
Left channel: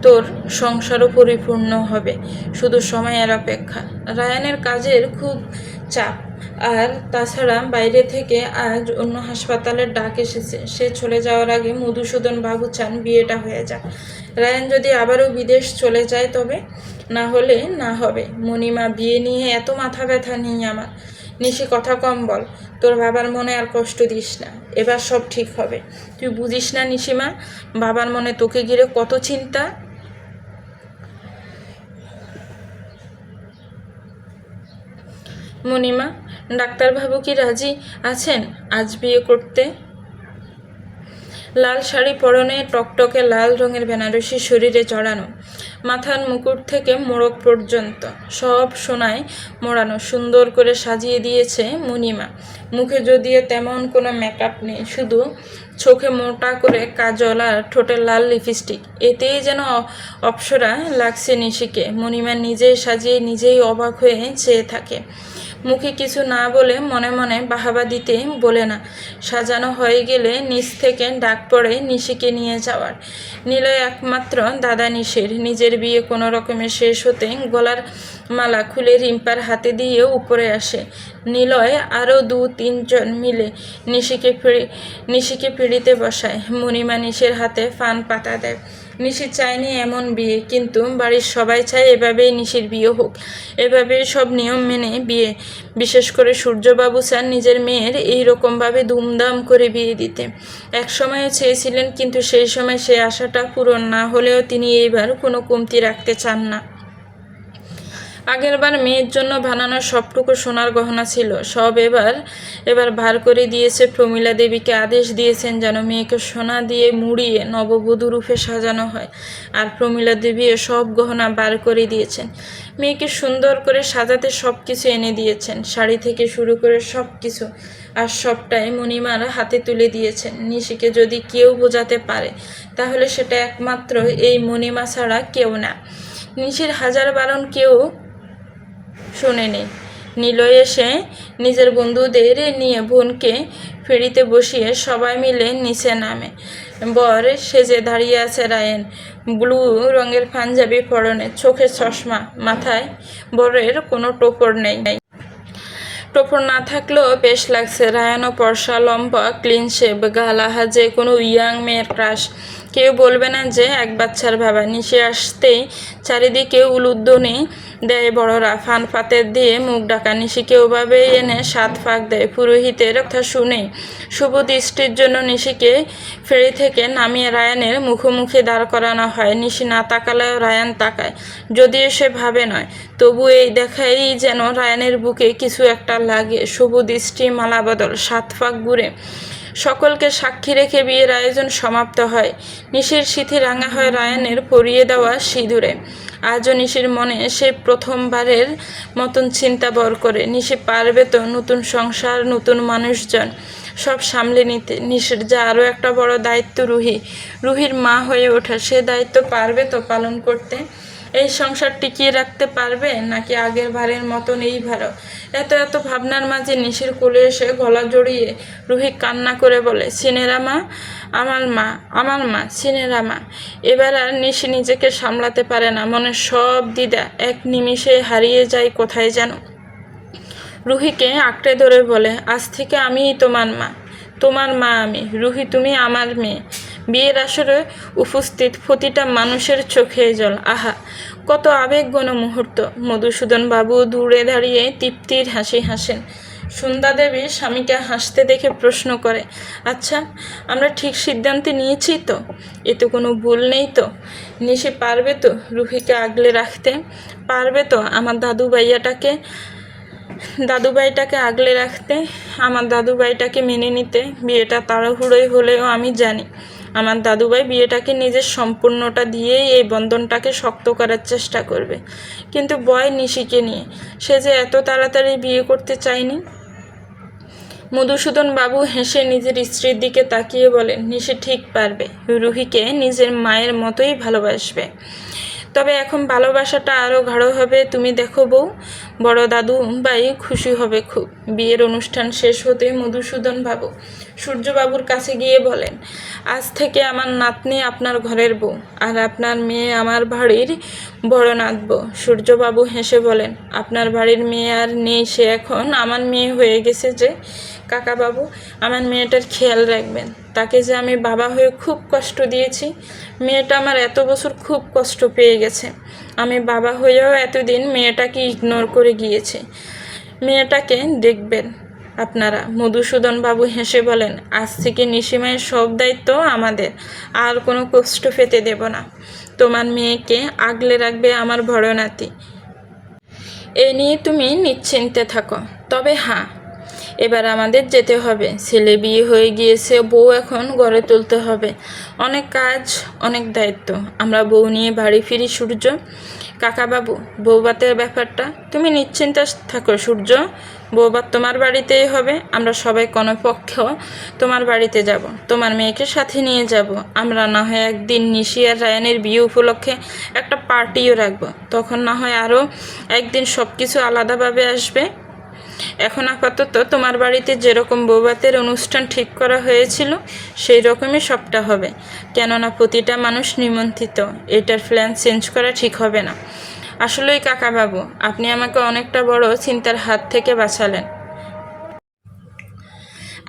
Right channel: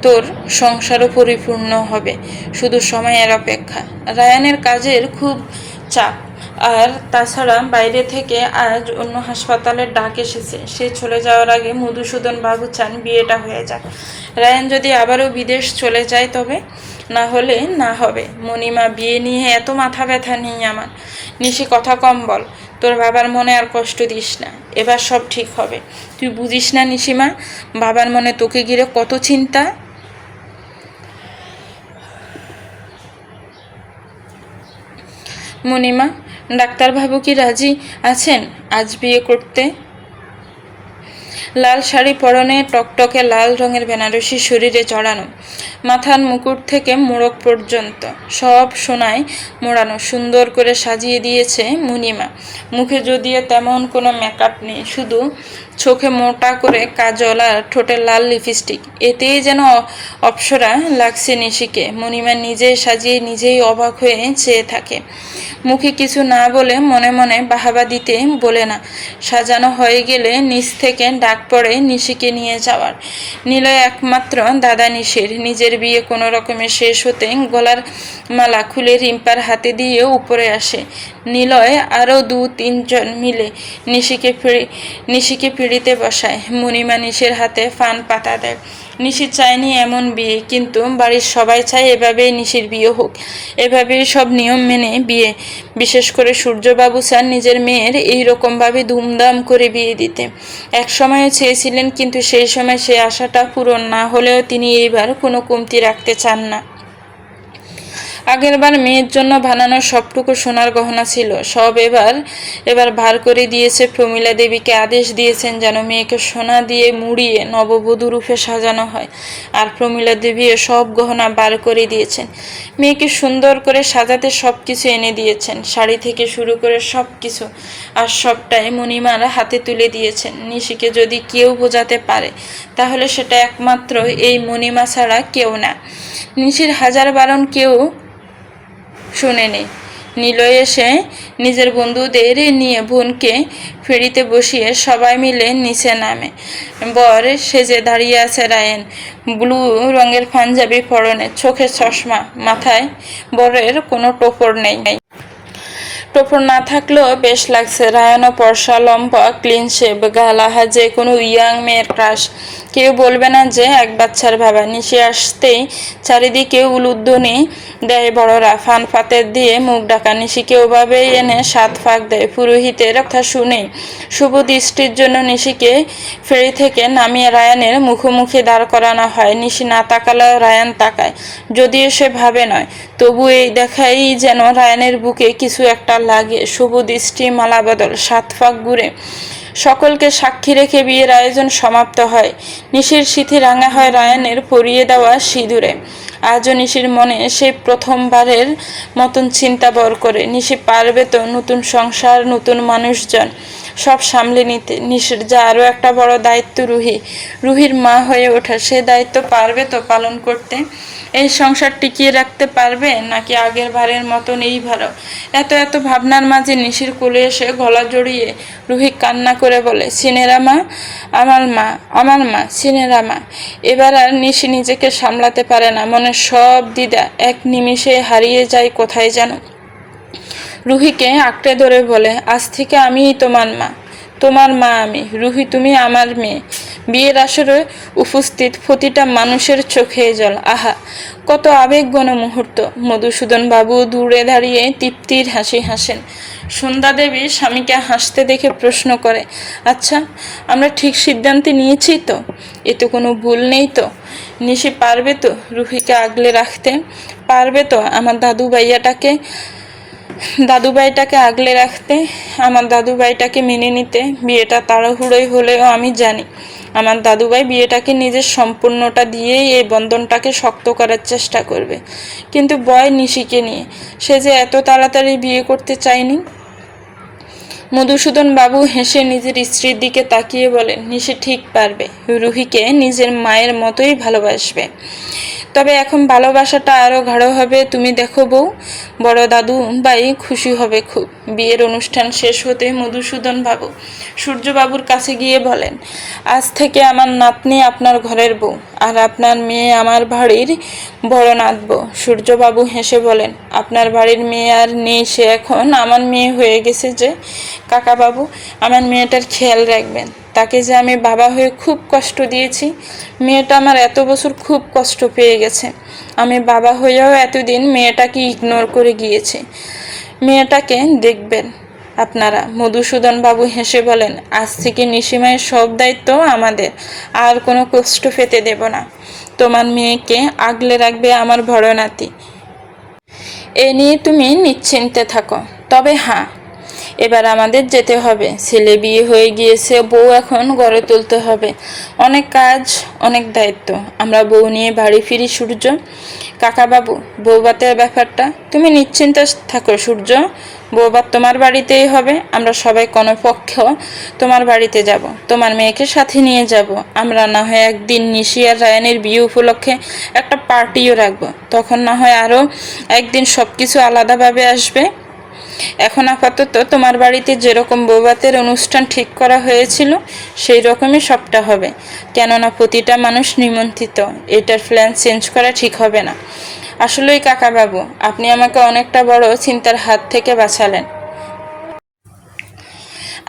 তোর সংসারও পরিপূর্ণ হবে, শুধু সময়ের অপেক্ষা। রায়ানের কাজের খুব চাপ, আর তাছাড়া বাইরে থেকে আজ অন্য হাসপাতালের ডাক এসেছে। সে চলে যাওয়ার আগে মধুসূদন বাবু চান বিয়েটা হয়ে যাক। রায়ান যদি আবারও বিদেশ চলে যায় তবে, না হলে না হবে। মণিমা, বিয়ে নিয়ে এত মাথা ব্যথা নেই আমার। নিশি, কথা কম বল, তোর বাবার মনে আর কষ্ট দিস না, এবার সব ঠিক হবে। তুই বুঝিস না নিশিমা, বাবার মনে তোকে ঘিরে কত চিন্তা। মণিমা, ডাক্তারবাবু কি রাজি আছেন আজ বিয়ে করতে? লাল শাড়ি পরনে, টকটকে লাল রঙের বেনারসি শরীরে জড়ানো, মাথার মুকুট থেকে মোড়ক পর্যন্ত সব সোনায় মোড়ানো, সুন্দর করে সাজিয়ে দিয়েছে মণিমা। মুখে যদিও তেমন কোনো মেকআপ নেই, শুধু চোখে মোটা করে কাজল আর ঠোঁটে লাল লিপস্টিক, এতেই যেন অপ্সরা লাগছে নিশিকে। মণিমা নিজেই সাজিয়ে নিজেই অবাক হয়ে চেয়ে থাকে। মুখে কিছু না বলে মনে মনে বাহাবা দিতে বলে না। সাজানো হয়ে গেলে নিচ থেকে ডাক পড়ে নিশিকে নিয়ে যাওয়ার। নিলয় একমাত্র দাদা নিশির। নিজের বিয়ে কোনো রকমে শেষ হতে গলার মালা খুলে রিম্পার হাতে দিয়ে উপরে আসে। নিলয় আরও 2-3 জন মিলে নিশিকে পিড়িতে বসায়। মণিমা নিশির হাতে ফান পাতা দেয়। নিশি চায়নি এমন বিয়ে, কিন্তু বাড়ির সবাই চায় এভাবেই নিশির বিয়ে হোক, এভাবেই সব নিয়ম মেনে বিয়ে। বিশেষ করে সূর্যবাবু চান নিজের মেয়ের এই রকমভাবে ধুমধাম করে বিয়ে দিতে। এক সময়ে চেয়েছিলেন, কিন্তু সেই সময় সে আশাটা পূরণ না হলেও তিনি এইবার কোনো কমতি রাখতে চান না। আগেরবার মেয়ের জন্য বানানো সবটুকু সোনার গহনা ছিল, সব এবার ভার করে দিয়েছে। প্রমীলা দেবীকে আদেশ দিয়েছেন যেন মেয়েকে সোনা দিয়ে মুড়িয়ে নববধূ রূপে সাজানো হয়, আর প্রমীলা দেবীও সব গহনা বার করে দিয়েছেন। মেয়েকে সুন্দর করে সাজাতে সব কিছু এনে দিয়েছেন, শাড়ি থেকে শুরু করে সব কিছু, আর সবটাই মণিমার হাতে তুলে দিয়েছেন। নিশিকে যদি কেউ বোঝাতে পারে, তাহলে সেটা একমাত্র এই মণিমা ছাড়া কেউ না। নিশির হাজার বারণ কেউ শোনেনি। নিলয় এসে নিজের বন্ধুদের নিয়ে বোনকে ফেরিতে বসিয়ে সবাই মিলে নিচে নামে। বর সেজে দাঁড়িয়ে আছে রায়ান, ব্লু রঙের পাঞ্জাবি পরনে, চোখে চশমা, মাথায় বরের কোনো টোপর নেই। টোপর না থাকলেও বেশ লাগছে। রায়ানও পর্সা, লম্বা, ক্লিন শেভ, গালাহা, যে কোনো ইয়াং মেয়ের ক্রাশ। কেউ বলবে না যে এক বাচ্চার বাবা। নিশি আসতেই চারিদিকে উলুধ্বনি দেয় বড়রা, ফান ফাতের দিয়ে মুখ ঢাকা। নিশিকে ওভাবেই এনে সাত ফাঁক দেয়। পুরোহিতের কথা শুনেই শুভ দৃষ্টির জন্য নিশিকে ফেরি থেকে নামিয়ে রায়ানের মুখোমুখি দাঁড় করানো হয়। নিশি না তাকালেও রায়ান তাকায়, যদিও সে ভাবে নয়। তবু এই দেখাই যেন রায়ানের বুকে কিছু একটা লাগে। শুভ দৃষ্টি, মালা বদল, সাত ফাঁক ঘুরে সকলকে সাক্ষী রেখে বিয়ের আয়োজন সমাপ্ত হয়। নিশির সিথি রাঙা হয় রায়ানের পরিয়ে দেওয়া সিঁদুরে। আজও নিশির মনে সে প্রথমবারের মতন চিন্তা বর করে, নিশি পারবে তো নতুন সংসার, নতুন মানুষজন সব সামলে নিতে। নিশির যা আরও একটা বড় দায়িত্ব, রুহির মা হয়ে ওঠা। সে দায়িত্ব পারবে তো পালন করতে? এই সংসার টিকিয়ে রাখতে পারবে, নাকি আগের বারের মতন এইবারও? এত ভাবনার মাঝে নিশির কোলে এসে গলা জড়িয়ে রুহি কান্না করে বলে, সিনেরা মা, আমার মা, সিনেরা মা। এবার আর নিশি নিজেকে সামলাতে পারে না। মনের সব দ্বিধা এক নিমিষে হারিয়ে যায় কোথায় যেন। রুহিকে আঁকড়ে ধরে বলে, আজ থেকে আমিই তোমার মা আমি। রুহি, তুমি আমার মেয়ে। বিয়ের আসরে উপস্থিত প্রতিটা মানুষের চোখে জল। আহা, কত আবেগঘন মুহূর্ত। মধুসূদন বাবু দূরে দাঁড়িয়ে তৃপ্তির হাসি হাসেন। সন্ধ্যা দেবী স্বামীকে হাসতে দেখে প্রশ্ন করে, আচ্ছা, আমরা ঠিক সিদ্ধান্তে নিয়েছি তো? এতে কোনো ভুল নেই তো? নিশি পারবে তো রুহিকে আগলে রাখতে? পারবে তো আমার দাদুভাইটাকে আগলে রাখতে, আমার দাদুভাইটাকে মেনে নিতে? বিয়েটা তাড়াহুড়োই হলেও আমি জানি আমার দাদুভাই বিয়েটাকে নিজের সম্পূর্ণটা দিয়েই এই বন্ধনটাকে শক্ত করার চেষ্টা করবে। কিন্তু বয় নিশিকে নিয়ে, সে যে এত তাড়াতাড়ি বিয়ে করতে চায়নি। মধুসূদন বাবু হেসে নিজের স্ত্রীর দিকে তাকিয়ে বলেন, নিশি ঠিক পারবে, রুহিকে নিজের মায়ের মতোই ভালোবাসবে। তবে এখন ভালোবাসাটা আরও গাঢ় হবে। তুমি দেখো বউ, বড় দাদু ভাই খুশি হবে খুব। বিয়ের অনুষ্ঠান শেষ হতে মধুসূদন বাবু সূর্যবাবুর কাছে গিয়ে বলেন, আজ থেকে আমার নাতনি আপনার ঘরের বউ, আর আপনার মেয়ে আমার বাড়ির বড় নাতবো। সূর্যবাবু হেসে বলেন, আপনার বাড়ির মেয়ে আর নেই, সে এখন আমার মেয়ে হয়ে গেছে যে। কাকাবাবু, আমার মেয়েটার খেয়াল রাখবেন। তাকে যে আমি বাবা হয়ে খুব কষ্ট দিয়েছি। মেয়েটা আমার এত বছর খুব কষ্ট পেয়ে গেছে। আমি বাবা হয়েও এতদিন মেয়েটাকে ইগনোর করে গিয়েছি। মেয়েটাকে দেখবেন আপনারা। মধুসূদন বাবু হেসে বলেন, আজ থেকে নিশিমায়ের সব দায়িত্ব আমাদের, আর কোনো কষ্ট পেতে দেব না। তোমার মেয়েকে আগলে রাখবে আমার বড় নাতি। এ নিয়ে তুমি নিশ্চিন্তে থাকো। তবে হ্যাঁ, এবার আমাদের যেতে হবে। ছেলে বিয়ে হয়ে গিয়েছে, বউ এখন গড়ে তুলতে হবে। অনেক কাজ, অনেক দায়িত্ব। আমরা বউ নিয়ে বাড়ি ফিরি। সূর্য কাকাবাবু, বউভাতের ব্যাপারটা তুমি নিশ্চিন্ত থাকো সূর্য। বউভাত তোমার বাড়িতেই হবে। আমরা সবাই কমপক্ষ তোমার বাড়িতে যাব। তোমার মেয়েকে সাথে নিয়ে যাব। আমরা না হয় একদিন নিশি আর রায়ানের বিয়ে উপলক্ষে একটা পার্টিও রাখবো। তখন না হয় আরও একদিন সব কিছু আলাদাভাবে আসবে। এখন আপাতত তোমার বাড়িতে যেরকম বৌভাতের অনুষ্ঠান ঠিক করা হয়েছিল সেই রকমই সবটা হবে। কেননা প্রতিটা মানুষ নিমন্ত্রিত। এটার প্ল্যান চেঞ্জ করা ঠিক হবে না। আসলেই কাকাবাবু, আপনি আমাকে অনেকটা বড় চিন্তার হাত থেকে বাঁচালেন।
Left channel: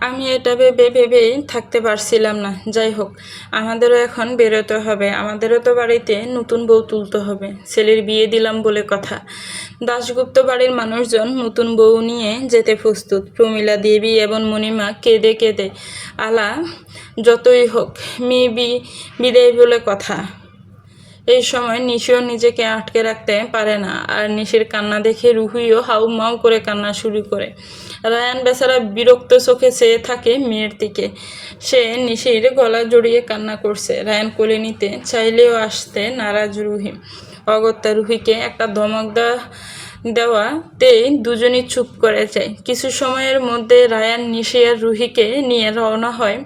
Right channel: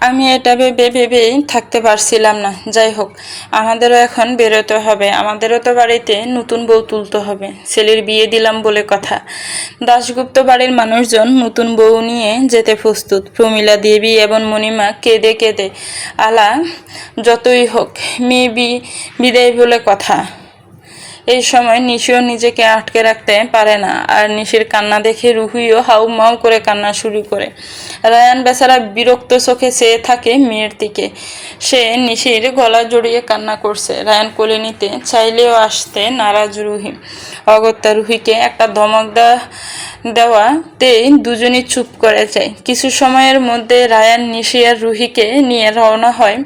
আমি এটা ভেবে থাকতে পারছিলাম না। যাই হোক, আমাদেরও এখন বেরোতে হবে। আমাদেরও তো বাড়িতে নতুন বউ তুলতে হবে। ছেলের বিয়ে দিলাম বলে কথা। দাশগুপ্ত বাড়ির মানুষজন নতুন বউ নিয়ে যেতে প্রস্তুত। প্রমীলা দেবী এবং মণিমা কেঁদে কেঁদে আলা, যতই হোক মেয়ে বিদায় বলে কথা। এই সময় নিশিও নিজেকে আটকে রাখতে পারে না। আর নিশির কান্না দেখে রুহিও হাউ মাউ করে কান্না শুরু করে। রায়ান বেচারা বিরক্ত চোখে চেয়ে থাকে মেয়ের দিকে। সে নিশির গলা জড়িয়ে কান্না করছে। রায়ান কোলে নিতে চাইলেও আসতে নারাজ রুহি। অগত্যা রুহিকে একটা ধমক দেওয়াতেই দুজনই চুপ করে যায়। কিছু সময়ের মধ্যে রায়ান, নিশি আর রুহিকে নিয়ে রওনা হয়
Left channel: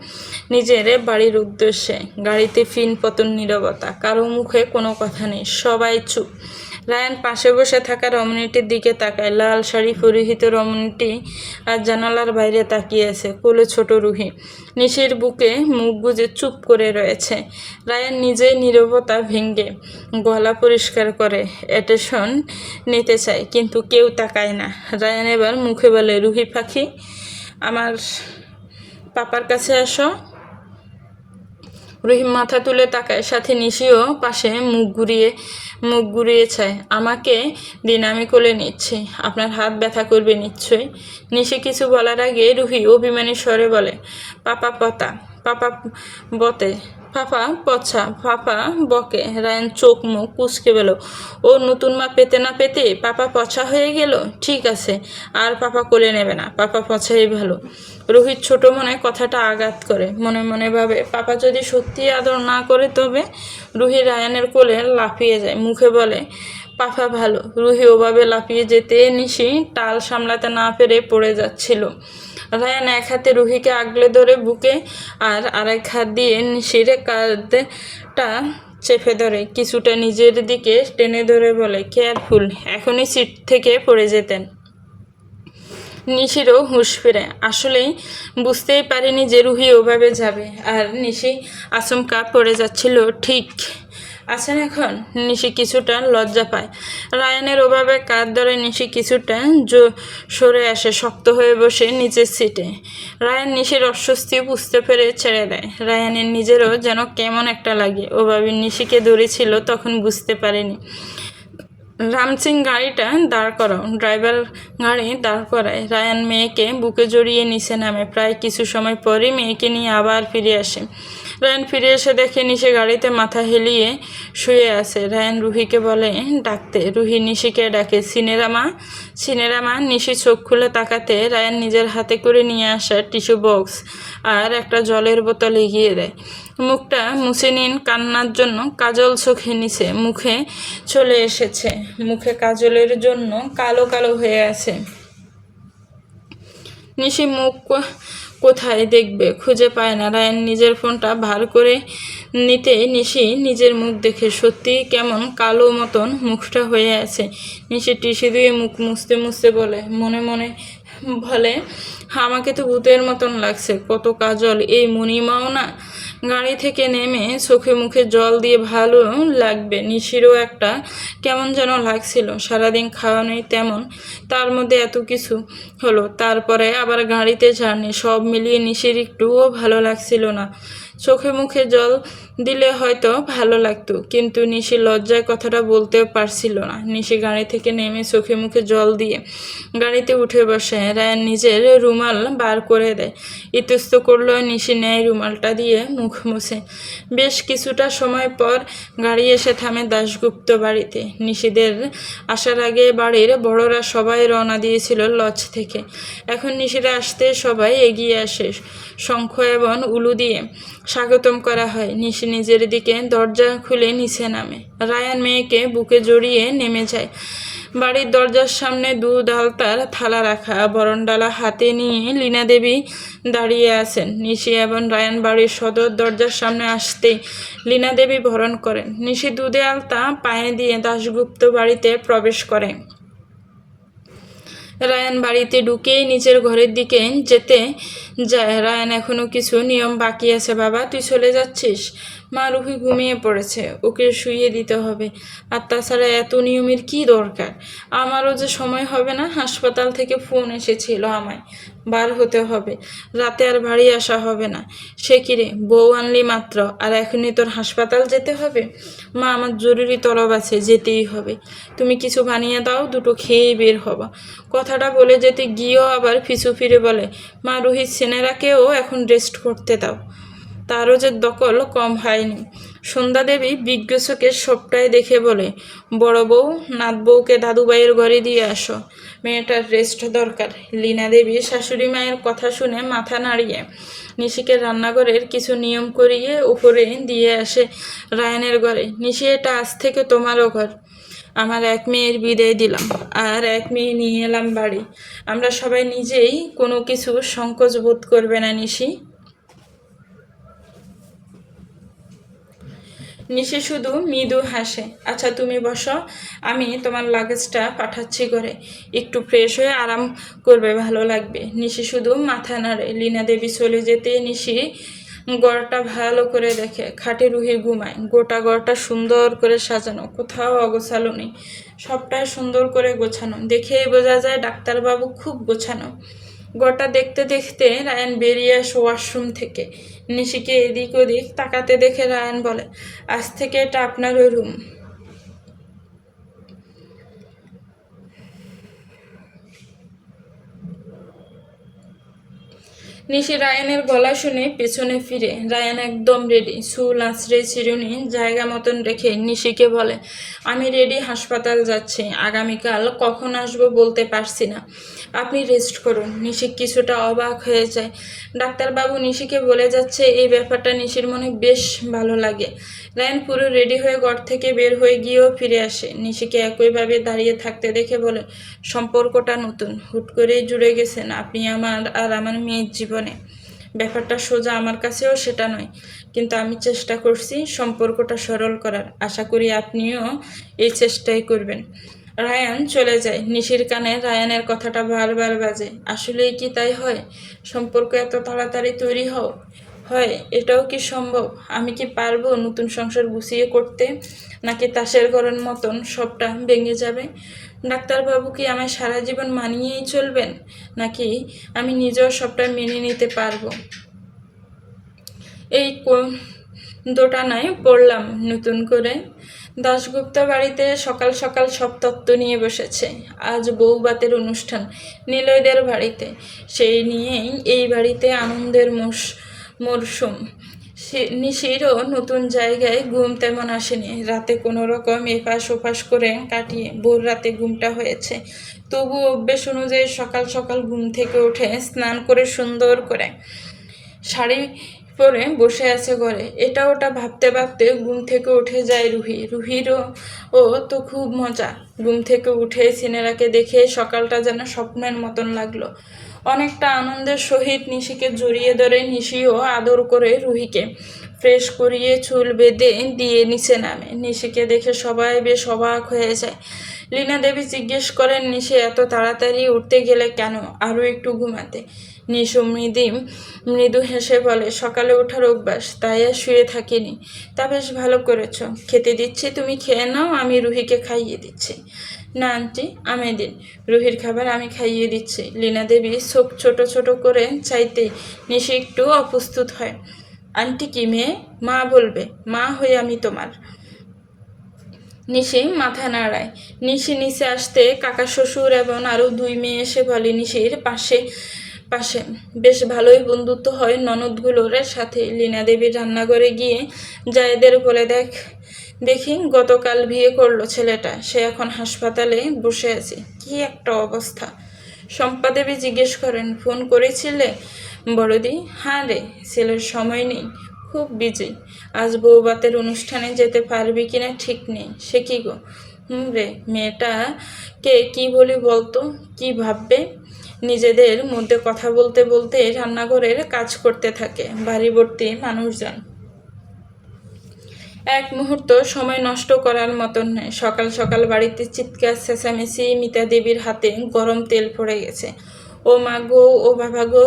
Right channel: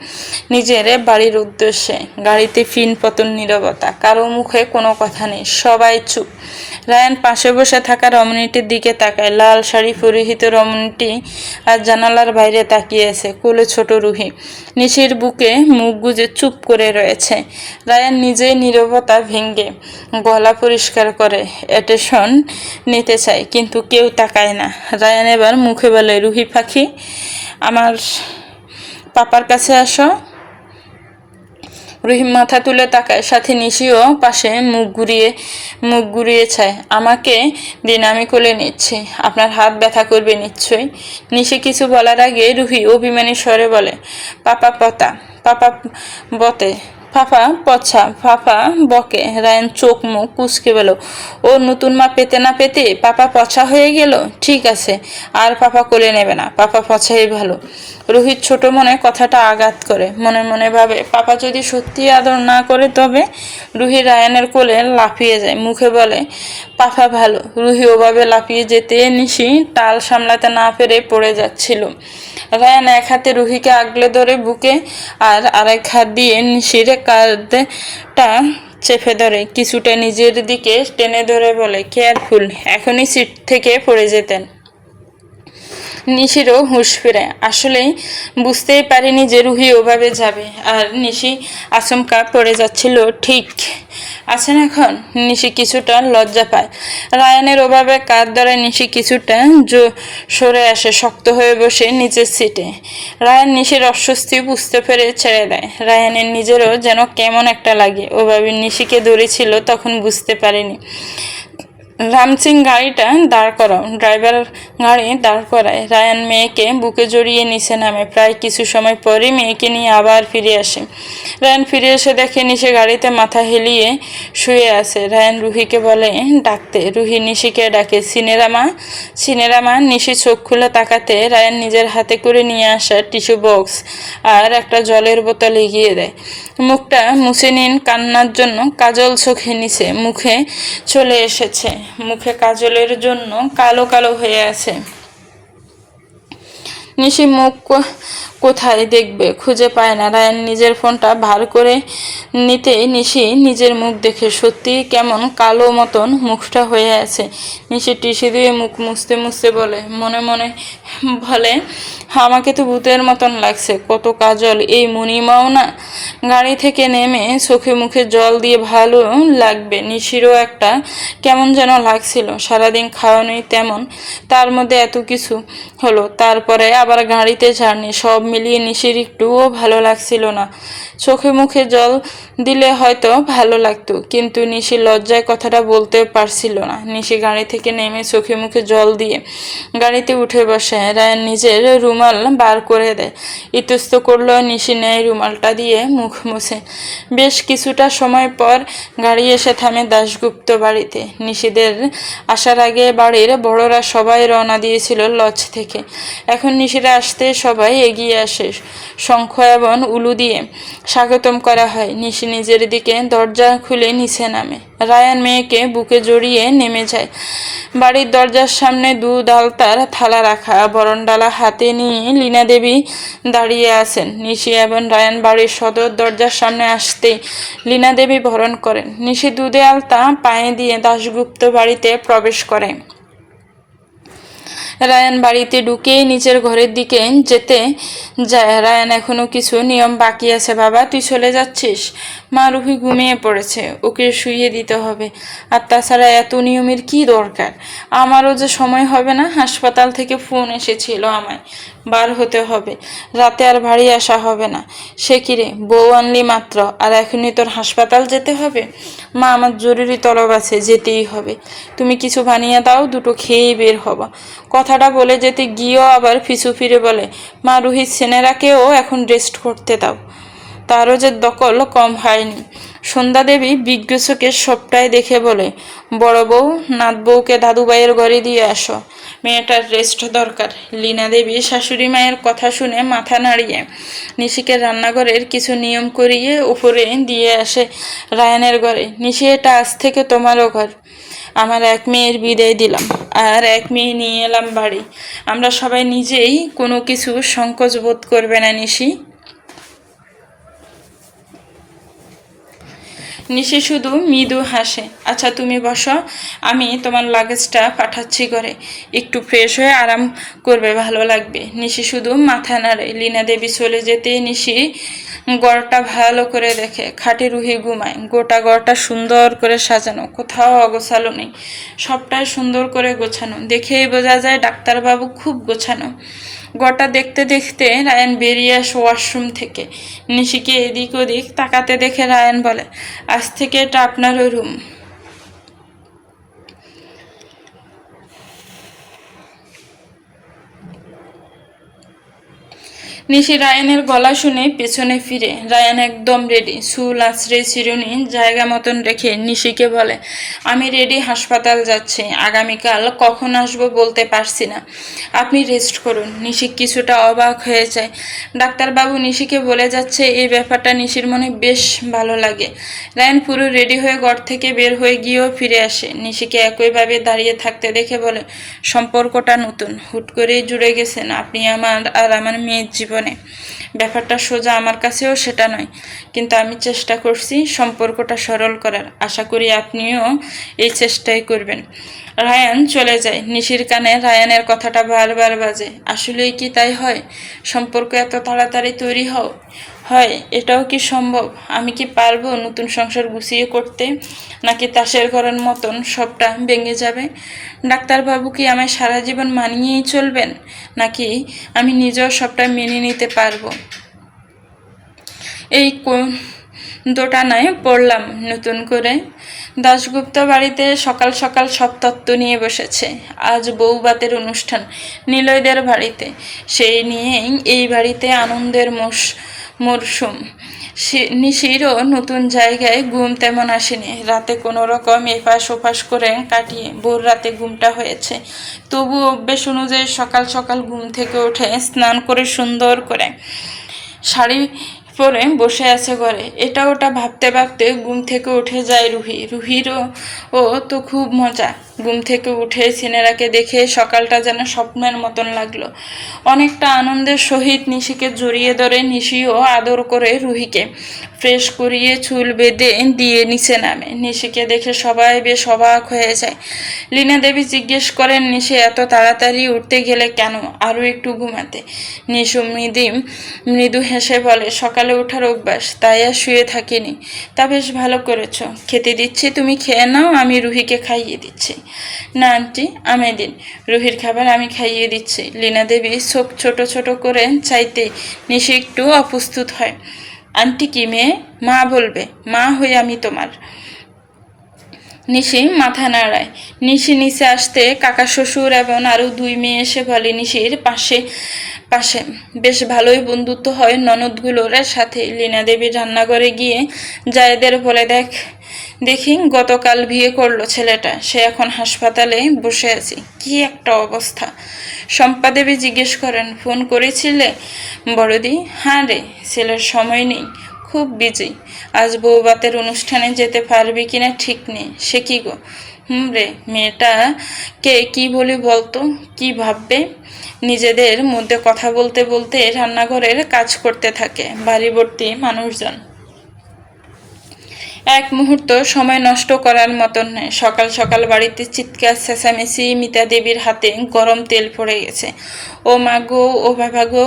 নিজের বাড়ির উদ্দেশ্যে। গাড়িতে ফিনপতন নীরবতা, কারো মুখে কোনো কথা নেই, সবাই চুপ। রায়ান পাশে বসে থাকা রমণীটির দিকে তাকায়। লাল শাড়ি পরিহিত রমণীটি আর জানালার বাইরে তাকিয়ে আছে। কোলে ছোট রুহি নিশির বুকে মুখ গুজে চুপ করে রয়েছে। রায়ান নিজেই নীরবতা ভেঙে গলা পরিষ্কার করে অ্যাটেনশন নিতে চায়, কিন্তু কেউ তাকায় না। রায়ান এবার মুখে বলে, রুহি পাখি, আমার পাপার কাছে আসো। রহিম মাথা তুলে তাকায়, সাথে নিশিও পাশে মুখ ঘুরিয়ে চায়। আমাকে দিন, আমি কোলে নিচ্ছি, আপনার হাত ব্যথা করবে নিশ্চয়ই। নিশি কিছু বলার আগে রুহি অভিমানী স্বরে বলে, পাপা পতা, পাপা বতে, পাপা পছা, পাপা বকে। রায়ান চোখ মুখ কুঁচকে বলো, ও নতুন মা পেতে না পেতে পাপা পছা হয়ে গেল। ঠিক আছে, আর পাপা কোলে নেবে না, পাপা পছাই ভালো। রোহিত ছোট মনে কথাটা আঘাত করে, মনে মনে ভাবে পাপা যদি সত্যি আদর না করে তবে। রুহি রায়ানের কোলে লাফিয়ে যায়, মুখে বলে পাপা ভালো। রুহি ওভাবে লাফিয়ে যেতে নিশি টাল সামলাতে না পেরে পড়ে যাচ্ছিল। রায়ান এক হাতে রুহিকে আগলে ধরে বুকে আর আরেক হাত দিয়ে নিশির কাঁধটা চেপে ধরে কিছুটা নিজের দিকে টেনে ধরে বলে, কেয়ারফুল, এখনই সিট থেকে পড়ে যেতেন। নিশিরও হুঁশ ফিরে, আসলেই বুঝতেই পারিনি যে রুহি ওভাবে যাবে। আর নিশি আচমকা পড়ে যাচ্ছিল। ঠিক আছেন এখন? নিশি কিছুটা লজ্জা পায়। রায়ানের ওভাবে কাঁধ ধরে নিশি কিছুটা সরে আসে, শক্ত হয়ে বসে নিচের সিটে। রায়ান নিশির অস্বস্তি বুঝতে পেরে ছেড়ে দেয়। রায়ানের নিজেরও যেন কেমন একটা লাগে। ওভাবে নিশিকে ধরেছিল, তখন বুঝতে পারেনি। রামসিং গাড়িটা দাঁড় করাও। ড্রাইভার গাড়ি দাঁড় করায়। রায়ান মেয়েকে বুকে জড়িয়ে নিচে নামে। প্রায় কিছু সময় পরে মেয়েকে নিয়ে আবার ফিরে আসে। রায়ান ফিরে এসে দেখে নিশি গাড়িতে মাথা হেলিয়ে শুয়ে আছে। রায়ান রুহিকে বলে ডাকতে। রুহি নিশিকে ডাকে, সিনেরামা। নিশি চোখ খুলে তাকাতে রায়ান নিজের হাতে করে নিয়ে আসা টিস্যু বক্স আর একটা জলের বোতল এগিয়ে দেয়। মুখটা মুছে নিন, কান্নার জন্য কাজল চোখে নিচে মুখে চলে এসেছে। মুখে কাজলের জন্য কালো কালো হয়ে আছে। নিশি মুখ কোথায় দেখবে, খুঁজে পায় না। রায়ান নিজের ফোনটা ভার করে নিতে নিশি নিজের মুখ দেখে সত্যি কেমন কালো মতন মুখটা হয়ে আছে। নিশি টিস্যু দিয়ে মুখ মুছতে মুছতে বলে, মনে মনে বলে, আমাকে তো ভূতের মতন লাগছে, কত কাজল, এই মণিমাও না। গাড়ি থেকে নেমে চোখে মুখে জল দিয়ে ভালো লাগবে। নিশিরও একটা কেমন যেন লাগছিল, সারাদিন খাওয়ানোই তেমন, তার মধ্যে এত কিছু হলো, তারপরে আবার গাড়িতে জার্নি, সব মিলিয়ে নিশির একটুও ভালো লাগছিল না। চোখে মুখে জল দিলে হয়তো ভালো লাগতো, কিন্তু নিশি লজ্জায় কথাটা বলতেও পারছিল না। নিশি গাড়ি থেকে নেমে চোখে মুখে জল দিয়ে গাড়িতে উঠে বসে। রায়ান নিজের রুমাল বার করে দেয়, ইতস্ত করলো। নিশি নেয় রুমালটা দিয়ে মুখ মুছে। বেশ কিছুটা সময় পর গাড়ি এসে থামে দাশগুপ্ত বাড়িতে। নিশিদের আসার আগে বাড়ির বড়রা সবাই রওনা দিয়েছিল লজ থেকে। এখন নিশিরা আসতে সবাই এগিয়ে আসে, শঙ্খ এবং উলু দিয়ে স্বাগতম করা হয়। নিশি নিজের দিকে দরজা খুলে নিচে নামে। রায়ান মেয়েকে বুকে জড়িয়ে নেমে যায়। বাড়ির দরজার সামনে দুধ আলতার থালা রাখা, বরণডালা হাতে নিয়ে লীনা দেবী দাঁড়িয়ে আছেন। নিশি এবং রায়ান বাড়ির সদর দরজার সামনে আসতেই লীনা দেবী বরণ করেন। নিশি দুধে আলতা পায়ে দিয়ে দাশগুপ্ত বাড়িতে প্রবেশ করে। রায়ান বাড়িতে ঢুকেই নিচের ঘরের দিকে যেতে যায়। রায়ান এখনো কিছু নিয়ম বাকি আছে। বাবা, তুই চলে যাচ্ছিস? মা, রুহি ঘুমিয়ে পড়েছে, ওকে শুইয়ে দিতে হবে। আর তাছাড়া এত নিয়মের কি দরকার? আমারও যে সময় হবে না, হাসপাতাল থেকে ফোন এসেছিল আমায়, বার হতে হবে, রাতে আর বাড়ি আসা হবে না। সে কিরে, বউ আনলি মাত্র, আর এখনই তোর হাসপাতাল যেতে হবে? মা, আমার জরুরি তলব আছে, যেতেই হবে। তুমি কিছু বানিয়ে দাও, দুটো খেয়েই বের হবা। কথাটা বলে যেতে গিয়েও আবার পিছু ফিরে বলে, মা, রোহিত সেনেরাকেও এখন রেস্ট করতে দাও, তারও যে দখল কম হয়নি। সন্ধ্যা দেবী বিজ্ঞ চোখে সবটাই দেখে বলে, বড় বউ, নাত বউকে দাদুবাইয়ের ঘরে দিয়ে আসো, মেয়েটার রেস্ট দরকার। লীনা দেবী শাশুড়ি মায়ের কথা শুনে মাথা নাড়িয়ে নিশিকে রান্নাঘরের কিছু নিয়ম করিয়ে উপরে দিয়ে আসে রায়ানের ঘরে। নিশি, এটা আজ থেকে তোমারও ঘর। আমার এক মেয়ের বিদায় দিলাম, আর এক মেয়ে নিয়ে এলাম বাড়ি। আমরা সবাই নিজেই কোনো কিছু সংকোচ বোধ করবে না। নিশি নিশি শুধু মৃদু হাসে। আচ্ছা, তুমি বসো, আমি তোমার লাগেজটা পাঠাচ্ছি ঘরে, একটু ফ্রেশ হয়ে আরাম করবে, ভালো লাগবে। নিশি শুধু মাথা নাড়ে। লীনা দেবী চলে যেতে নিশি ঘরটা ভালো করে দেখে। খাটে রুহি ঘুমায়। গোটা ঘরটা সুন্দর করে সাজানো, কোথাও অগোছালো নেই, সবটাই সুন্দর করে গোছানো। দেখেই বোঝা যায় ডাক্তারবাবু খুব গোছানো। গোটা দেখতে দেখতে রায়ান বেরিয়ে আসে ওয়াশরুম থেকে। নিশিকে এদিক ওদিক তাকাতে দেখে রায়ান বলে, আজ থেকে এটা আপনারও রুম। নিশি রায়ানের গলা শুনে পেছনে ফিরে। রায়ান একদম রেডি, চুল আঁচড়ে চিরুনি জায়গা মতন রেখে নিশিকে বলে, আমি রেডি, হাসপাতাল যাচ্ছি, আগামীকাল কখন আসবো বলতে পারছি না, আপনি রেস্ট করুন। নিশি কিছুটা অবাক হয়ে যায়। ডাক্তারবাবু নিশিকে বলে যাচ্ছে, এই ব্যাপারটা নিশির মনে বেশ ভালো লাগে। রায়ান পুরো রেডি হয়ে ঘর থেকে বের হয়ে গিয়েও ফিরে আসে। নিশিকে একইভাবে দাঁড়িয়ে থাকতে দেখে বলে, সম্পর্কটা নতুন, হুট করেই জুড়ে গেছেন আপনি আমার আর আমার মেয়ের জীবনে। ব্যাপারটা সোজা আমার কাছেও সেটা নয়, কিন্তু আমি চেষ্টা করছি সম্পর্কটা সরল করার। আশা করি আপনিও এই চেষ্টাই করবেন। রায়ান চলে যায়। নিশির কানে রায়ানের কথাটা বারবার বাজে, আসলেই কি তাই হয়? সম্পর্ক এত তাড়াতাড়ি তৈরি হয়? এটাও কি সম্ভব? আমি কি পারবো নতুন সংসার গুছিয়ে করতে, নাকি তাসের ঘরের মতন সবটা ভেঙে যাবে? ডাক্তারবাবু কি আমায় সারা জীবন মানিয়েই চলবেন, নাকি আমি নিজেও সবটা মেনে নিতে পারবো? এই দোটানায় পড়লাম নতুন করে। দাশগুপ্ত বাড়িতে সকাল সকাল সব তত্ত্ব নিয়ে বসেছে। আজ বউভাতের অনুষ্ঠান নিলয়দের বাড়িতে, সেই নিয়েই এই বাড়িতে আনন্দের মরশুম। নিশিরও নতুন জায়গায় ঘুম তেমন আসেনি। রাতে কোনো রকম এপাশ ওপাশ করে কাটিয়ে ভোর রাতে ঘুমটা হয়েছে। তবু অভ্যেস অনুযায়ী সকাল সকাল ঘুম থেকে উঠে স্নান করে সুন্দর করে শাড়ি পরে বসে আছে ঘরে। এটা ওটা ভাবতে ভাবতে ঘুম থেকে উঠে যায় রুহিরও তো খুব মজা। ঘুম থেকে উঠে সিনেরাকে দেখে সকালটা যেন স্বপ্নের মতন লাগলো। অনেকটা আনন্দের সহিত নিশিকে জড়িয়ে ধরে নিশিও আদর করে রুহিকে ফ্রেশ করিয়ে চুল বেঁধে দিয়ে নিচে নামে। নিশিকে দেখে সবাই বেশ অবাক হয়ে যায়। লীনা দেবী জিজ্ঞেস করেন, নিশি এত তাড়াতাড়ি উঠতে গেলে কেন? আরও একটু ঘুমাতে। নিশু মৃদু হেসে বলে, সকালে ওঠার অভ্যাস, তাই আর শুয়ে থাকিনি। তা বেশ ভালো করেছ। খেতে দিচ্ছি, তুমি খেয়ে নাও, আমি রুহিকে খাইয়ে দিচ্ছি। না আন্টি, আমি দিন, রুহির খাবার আমি খাইয়ে দিচ্ছি। লীনা দেবী চোখ ছোট ছোট করে চাইতে নিশি একটু অপ্রস্তুত হয়। আন্টি কি মেয়ে? মা বলবে, মা হই আমি তোমার। নিশি মাথা নাড়ায়। নিশি নিচে আসতে কাকা শ্বশুর এবং আরও দুই মেয়ে এসে বলে, নিশির পাশে বেশ ভালোই বন্ধুত্ব হয় ননদগুলোর সাথে। লীনা দেবী রান্নাঘরে গিয়ে জায়েদের বলে, দেখি গতকাল বিয়ে করলো ছেলেটা, সে এখন হাসপাতালে বসে আছে, কি একটা অবস্থা। শম্পা দেবী জিজ্ঞেস করেন, ফোন করেছিলে বড়দি? হ্যাঁ রে, ছেলের সময় নেই, খুব বিজি। আজ বউভাতের অনুষ্ঠানে যেতে পারবি কিনা ঠিক নেই। সে কি গো? রে, মেয়েটাকে কি বলি বলতো, কি ভাববে? নিজেদের মধ্যে কথা বলতে বলতে রান্নাঘরের কাজ করতে থাকে। বাড়ি ভর্তি মানুষজন। এক মুহূর্ত সময় নষ্ট করার মতন নয়। সকাল সকাল বাড়িতে চিৎকার চেঁচামেচি। মিতা দেবীর হাতে গরম তেল পড়ে গেছে। ও মা গো, ও বাবা গো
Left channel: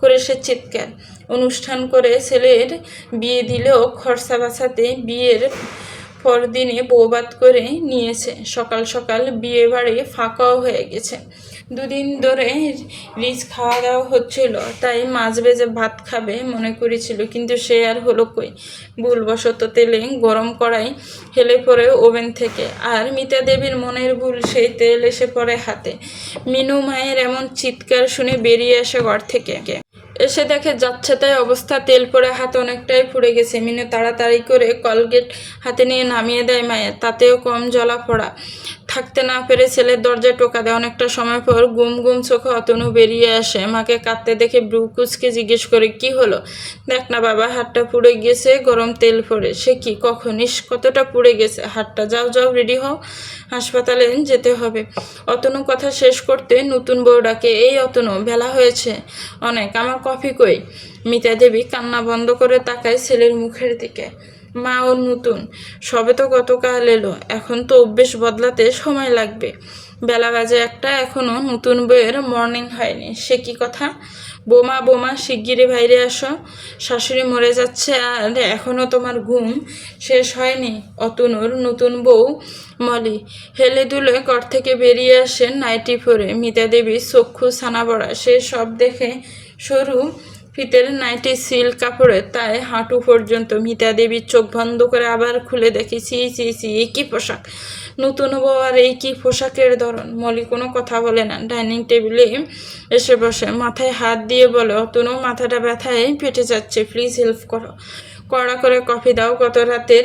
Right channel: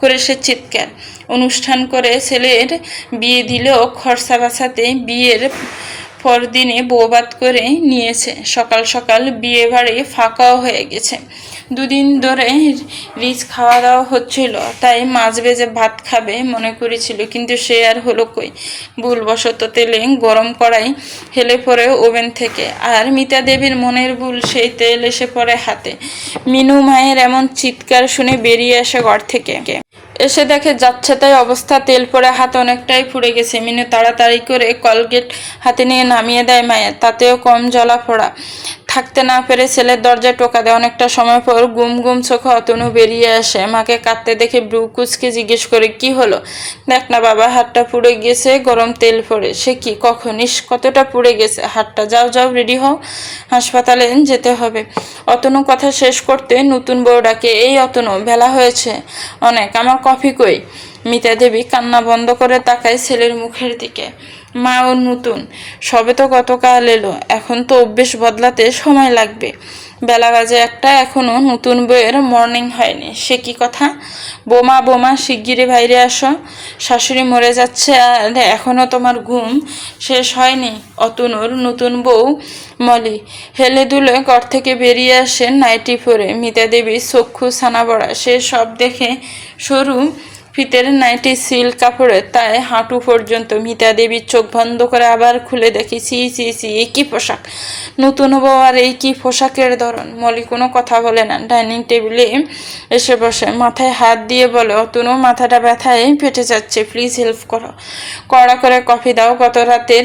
করে সে চিৎকার। অনুষ্ঠান করে ছেলের বিয়ে দিলেও খরচা বাঁচাতে বিয়ের পরদিনে বউভাত করে নিয়েছে। সকাল সকাল বিয়ে বাড়ি ফাঁকাও হয়ে গেছে। দুদিন ধরে রিচ খাওয়া দাওয়া হচ্ছিল, তাই মাছ ভেজে ভাত খাবে মনে করেছিল, কিন্তু সে আর হলো কই। ভুলবশত তেলে গরম কড়াই হেলে পড়ে ওভেন থেকে। আর মিতা দেবীর মনের ভুল, সেই তেল এসে পড়ে হাতে। মিনু মায়ের এমন চিৎকার শুনে বেরিয়ে আসে ঘর থেকে। এসে দেখে যাচ্ছে তাই অবস্থা, তেল পড়ে হাত অনেকটাই পুড়ে গেছে। মিনু তাড়াতাড়ি করে কলগেট হাতে নিয়ে নামিয়ে দেয় মায়ের, তাতেও কম জ্বলা পোড়া। থাকতে না পেরে ছেলের দরজায় টোকা দেয়। অনেকটা সময় পর গুম গুম চোখে অতনু বেরিয়ে আসে। মাকে কাঁদতে দেখে ব্রু কুচকে জিজ্ঞেস করে, কি হলো? দেখ না বাবা, হাতটা পুড়ে গেছে, গরম তেল পড়ে। সে কি, কখন? কতটা পুড়ে গেছে হাতটা? যাও যাও, রেডি হও, হাসপাতালে যেতে হবে। অতনু কথা শেষ করতে নতুন বউ ডাকে, এই অতনু, বেলা হয়েছে অনেক, আমার কফি কই? মিতা দেবী কান্না বন্ধ করে তাকায় ছেলের মুখের দিকে। মা, ও নতুন, সবে তো গতকাল এলো, এখন তো অভ্যেস বদলাতে সময় লাগবে। বেলা বাজে একটা, এখনো নতুন বইয়ের মর্নিং হয়নি। সে কি কথা? বোমা বোমা, শিগগিরই বাইরে আসো, শাশুড়ি মরে যাচ্ছে আর এখনো তোমার ঘুম শেষ হয়নি। অতনুর নতুন বউ মলি হেলে দুলে ঘর থেকে বেরিয়ে আসে নাইটি পরে। মিতা দেবী চক্ষু ছানা বড়া, সে সব দেখে সরু ফিতের নাইটি সিল্ক কাপড়ে, তাই হাঁটু পর্যন্ত। মিতা দেবীর চোখ বন্ধ করে আবার খুলে দেখি, চি চি চি, এই কি পোশাক! নতুন বউ আর এই কি পোশাকের ধরন! মলি কোনো কথা বলে না, ডাইনিং টেবিলে এসে বসে, মাথায় হাত দিয়ে বলে, অতনু মাথাটা ব্যথায় ফেটে যাচ্ছে, প্লিজ হেল্প করো, কড়া করে কফি দাও, গত রাতের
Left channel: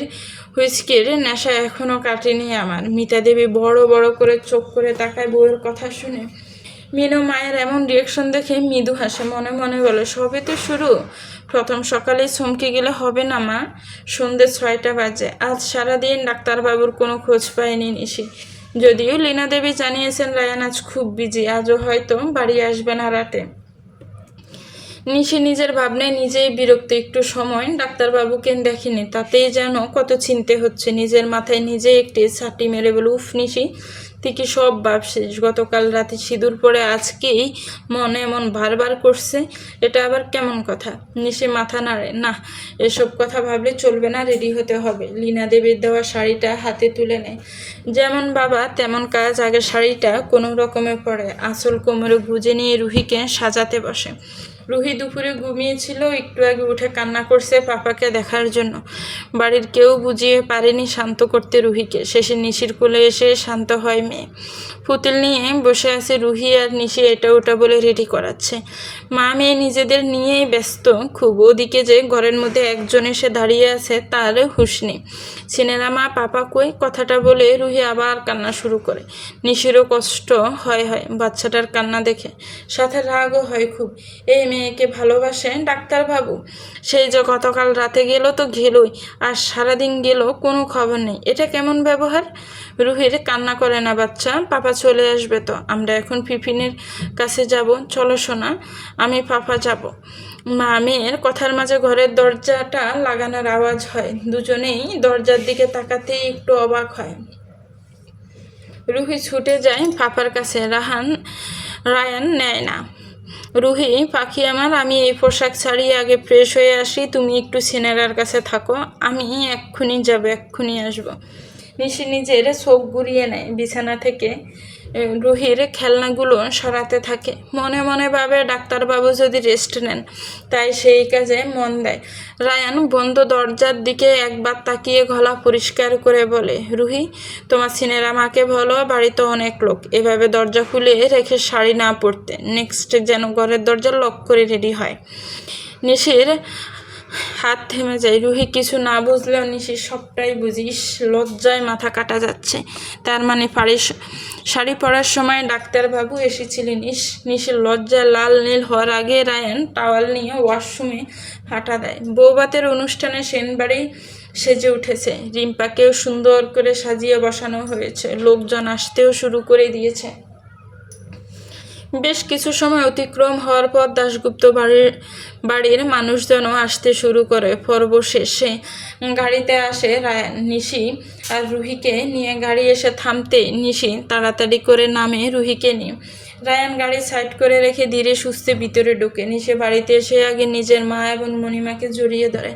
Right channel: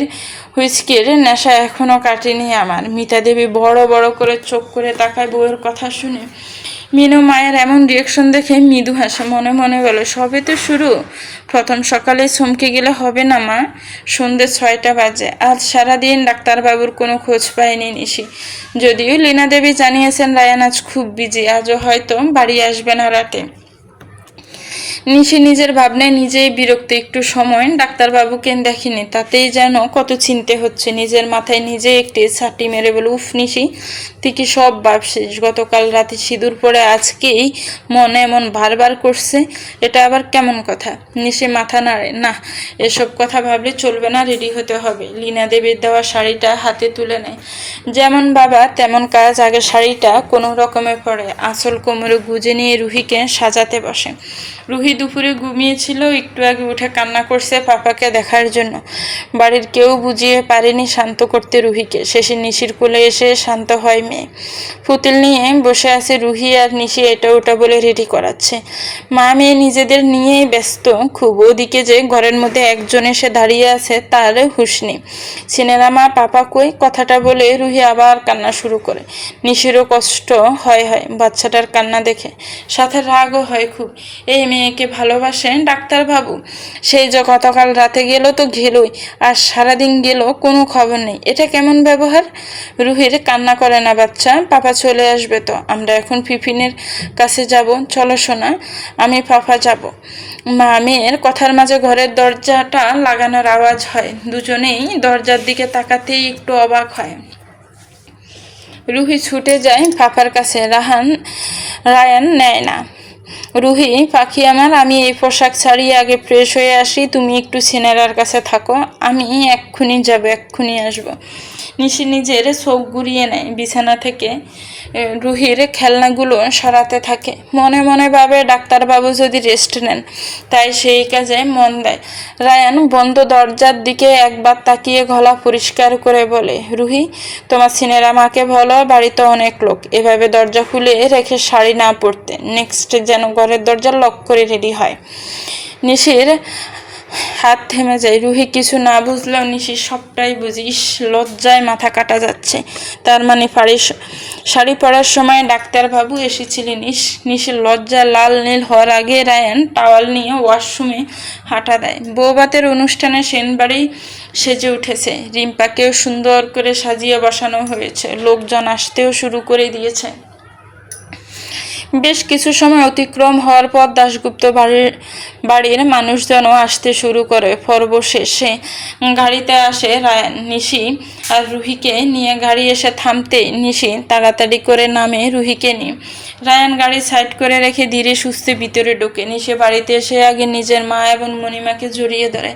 হুইস্কির নেশা এখনো কাটেনি আমার। মিতা দেবী বড় বড় করে চোখ করে তাকায় বউয়ের কথা শুনে। মিনু মায়ের এমন রিয়াকশন দেখে মৃদু হাসে, মনে মনে বলে, সবে তো শুরু, প্রথম সকালে চমকে গেলে হবে না মা। সন্ধ্যে 6টা বাজে। আজ সারাদিন ডাক্তারবাবুর কোনো খোঁজ পায়নি নিশি, যদিও লীনা দেবী জানিয়েছেন রায়ান আজ খুব বিজি, আজও হয়তো বাড়ি আসবে না রাতে। নিশি নিজের ভাবনায় নিজেই বিরক্ত, একটু সময় ডাক্তারবাবুকে দেখিনি, তাতেই যেন কত চিনতে হচ্ছে। নিজের মাথায় নিজে একটি ছাটি মেরে বলে, উফ নিশি, তুই কি সব ভাবছিস? গতকাল রাতে সিঁদুর পরে আজকেই মনে এমন বারবার করছে, এটা আবার কেমন কথা? নিশি মাথা নাড়ে, না, এসব কথা ভাবলে চলবে না, রেডি হতে হবে। লীনা দেবীর দেওয়া শাড়িটা হাতে তুলে নেয়, যেমন বাবা তেমন কাজ। আগে শাড়িটা কোনো রকমে পরে আঁচল কোমরে গুজে নিয়ে রুহিকে সাজাতে বসে। রুহি দুপুরে ঘুমিয়েছিল, একটু আগে উঠে কান্না করছে পাপাকে দেখার জন্য। বাড়ির কেউ বুঝিয়ে পারেনি শান্ত করতে রুহিকে। শেষে নিশির কোলে এসে শান্ত হয় মেয়ে। পুতুল নিয়ে বসে আছে রুহি, আর নিশি এটা ওটা বলে রেডি করাচ্ছে। মা মেয়ে নিজেদের নিয়েই ব্যস্ত খুব। ওদিকে যে ঘরের মধ্যে একজন এসে দাঁড়িয়ে আছে তার হুঁশ নেই। সিনেরা মা, পাপা কই? কথাটা বলে রুহি আবার কান্না শুরু করে। নিশিরও কষ্ট হয় বাচ্চাটার কান্না দেখে, সাথে রাগও হয় খুব। এই মেয়েকে ভালোবাসেন ডাক্তারবাবু, সেই যে গতকাল রাতে গেল তো গেলই, আর সারাদিন গেল, কোনো খবর নেই। এটা কেমন ব্যবহার? রুহির কান্না করে না বাচ্চা, পাপা চলে আসবে তো, আমরা এখন ফিফিনের কাছে যাব, চলো সোনা, আমি পাপা যাব। মা মেয়ের কথার মাঝে ঘরের দরজাটা লাগানোর আওয়াজ হয়। দুজনেই দরজার দিকে তাকাতেই একটু অবাক হয়। রুহি ছুটে যায় পাপার কাছে, রায়ান নেয় না। রুহি পাখি আমার, আমি এই পোশাক ছাড়িয়ে আগে ফ্রেশ হয়ে আসি, তুমি একটু সিনেরার কাছে থাকো, আমি এক্ষুনি যাব, এক্ষুনি আসবো। নিশি নিজের চোখ ঘুরিয়ে নেয়, বিছানা থেকে রুহির খেলনাগুলো সরাতে থাকে। মনে মনে ভাবে ডাক্তারবাবু যদি রেস্ট নেন, তাই সেই কাজে মন দেয়। রায়ান বন্ধ দরজার দিকে একবার তাকিয়ে গলা পরিষ্কার করে বলে, রুহি, তোমার সিনেরা মাকে বলো বাড়িতে অনেক লোক, এভাবে দরজা খুলে রেখে শাড়ি না পরতে। নেক্সট যেন ঘরের দরজা লক করে রেডি হয়। নিশির হাত থেমে যায়। রুহি কিছু না বুঝলেও নিশি সবটাই বুঝিস, লজ্জায় মাথা কাটা যাচ্ছে। তার মানে শাড়ি পরার সময় ডাক্তারবাবু এসেছিলেন। নিশির লজ্জা লাল নীল হওয়ার আগে রায়ান টাওয়াল নিয়ে ওয়াশরুমে হাঁটা দেয়। বৌভাতের অনুষ্ঠানে সেনবাড়ি সেজে উঠেছে, রিম্পাকেও সুন্দর করে সাজিয়ে বসানো হয়েছে, লোকজন আসতেও শুরু করে দিয়েছে। বেশ কিছু সময় অতিক্রম হওয়ার পর দাশগুপ্ত বাড়ির মানুষজনও আসতে শুরু করে। পর্ব শেষে গাড়িতে আসে রায়ান, নিশি আর রুহিকে নিয়ে। গাড়ি এসে থামতে নিশি তাড়াতাড়ি করে নামে রুহিকে নিয়ে। রায়ান গাড়ি সাইড করে রেখে ধীরে সুস্থে ভিতরে ঢোকে। নিশি বাড়িতে এসে আগে নিজের মা এবং মণিমাকে জড়িয়ে ধরে।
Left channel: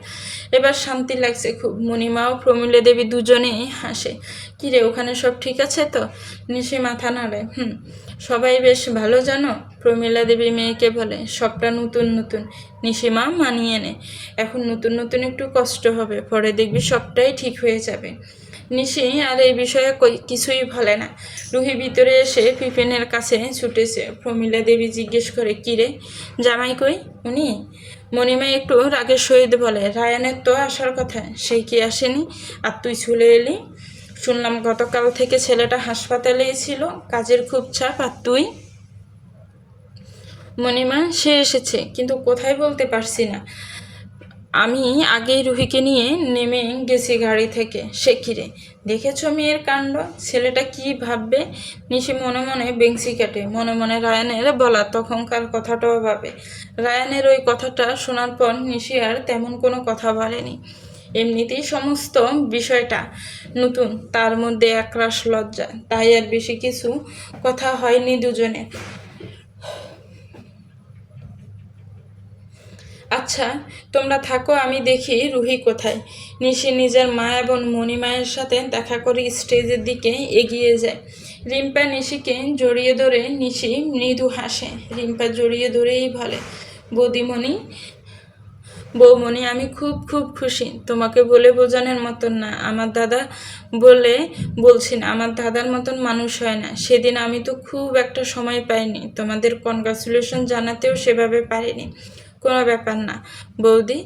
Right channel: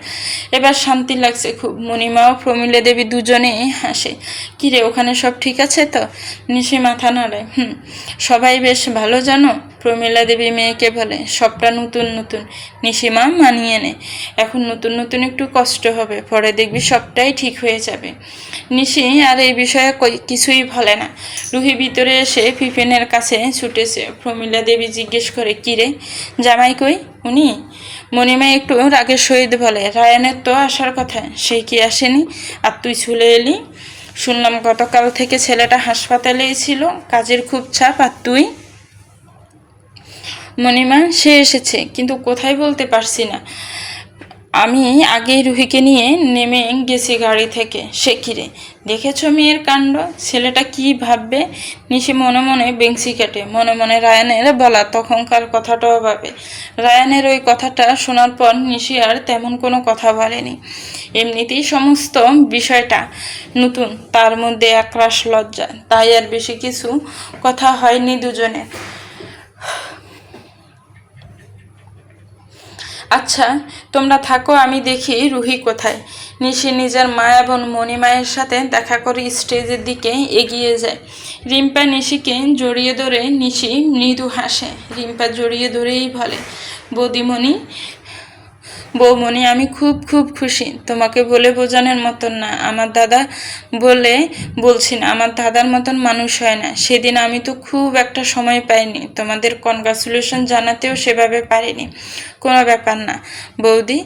এবার শান্তি লাগছে খুব। মণিমা ও প্রমীলা দেবী দুজনেই হাসে। কিরে, ওখানে সব ঠিক আছে তো? নিশি মাথা নাড়ে, সবাই বেশ ভালো জানো, প্রমীলা দেবী মেয়েকে বলে। সবটা নতুন নতুন, নিশিমা মানিয়ে নে। এখন নতুন নতুন একটু কষ্ট হবে, পরে দেখবি সবটাই ঠিক হয়ে যাবে। নিশি আর এই বিষয়ে কিছুই বলে না। রুহি ভিতরে এসে ফিফিনের কাছে ছুটেছে। প্রমীলা দেবী জিজ্ঞেস করে, কিরে জামাই কই? উনি? মণিমা একটু রাগের সহিত বলে, রায়ানের তো আসার কথা, সে কি আসেনি, আর তুই চলে এলি? শুনলাম গতকাল থেকে ছেলেটা হাসপাতালেই ছিল, কাজের খুব চাপ, আর তুই? মণিমা, সে এসেছে, কিন্তু কোথায় বলতে পারছি না। আমি আগেই রুহিকে নিয়ে নেমে গেছি গাড়ি থেকে। সে কিরে, দেখেছ মেয়ের কাণ্ড? ছেলেটা কি ভাববে? নিশি মনে মনে বেংসি কাটে। মনে মনে রায়ানের বলা তখনকার কথাটাও ভাবে। রায়ানের ওই কথাটা শোনার পর নিশি আর তেমন কোনো কথা বলেনি। এমনিতেই সমস্ত বিষয়টা নতুন, তার মধ্যে একরাশ লজ্জা, তাই আর বেশি কিছু কথা হয়নি দুজনের। আচ্ছা, তোমরা থাকো, আমি দেখি রুহি কোথায়। নিশি নিজের মা এবং মণিমায়ের সাথে দেখা করে স্টেজের দিকে এগিয়ে যায়। রিম্পা নিশিকে জড়িয়ে ধরে নিশি মৃদু হাসে। রিম্পা জড়িয়ে ধরেই বলে, বৌদিমণি, বৌমণি, আমি খুব খুব খুশি। তোমাকে বলে বোঝানোর মতন না। আমার দাদা বলে বলছি না, আমার দাদার মতন মানুষ হয় না। সেদিন আমি তো খুব একটা সময় পাইনি, তোমাদের কনগ্রাচুলেশন জানাতেও সেভাবে পারিনি। কোনো ব্যাপার না বৌদি,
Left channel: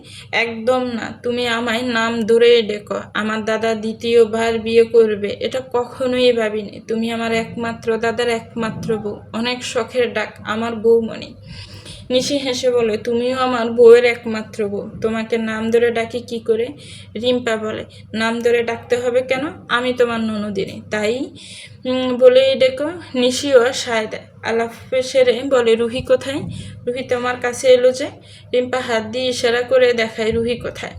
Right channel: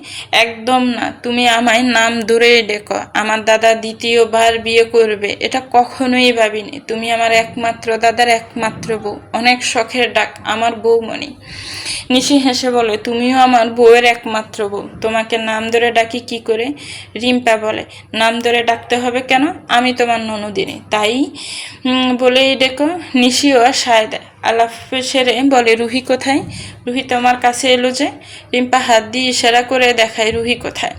একদম না। তুমি আমায় নাম ধরেই ডেকো। আমার দাদা দ্বিতীয়বার বিয়ে করবে এটা কখনোই ভাবিনি। তুমি আমার একমাত্র দাদার একমাত্র বউ। অনেক শখের ডাক, আমার বৌমণি। নিশি হেসে বলে, তুমিও আমার বউয়ের একমাত্র বউ, তোমাকে নাম ধরে ডাকি কি করে? রিম্পা বলে, নাম ধরে ডাকতে হবে কেন? আমি তোমার ননদিনী, তাই বলেই ডেকো। নিশিও সায় দেয়। আলাপ সেরে বলে, রুহি কোথায়? রুহি তোমার কাছে এলো যে? রিম্পা হাত দিয়ে ইশারা করে দেখায় রুহি কোথায়।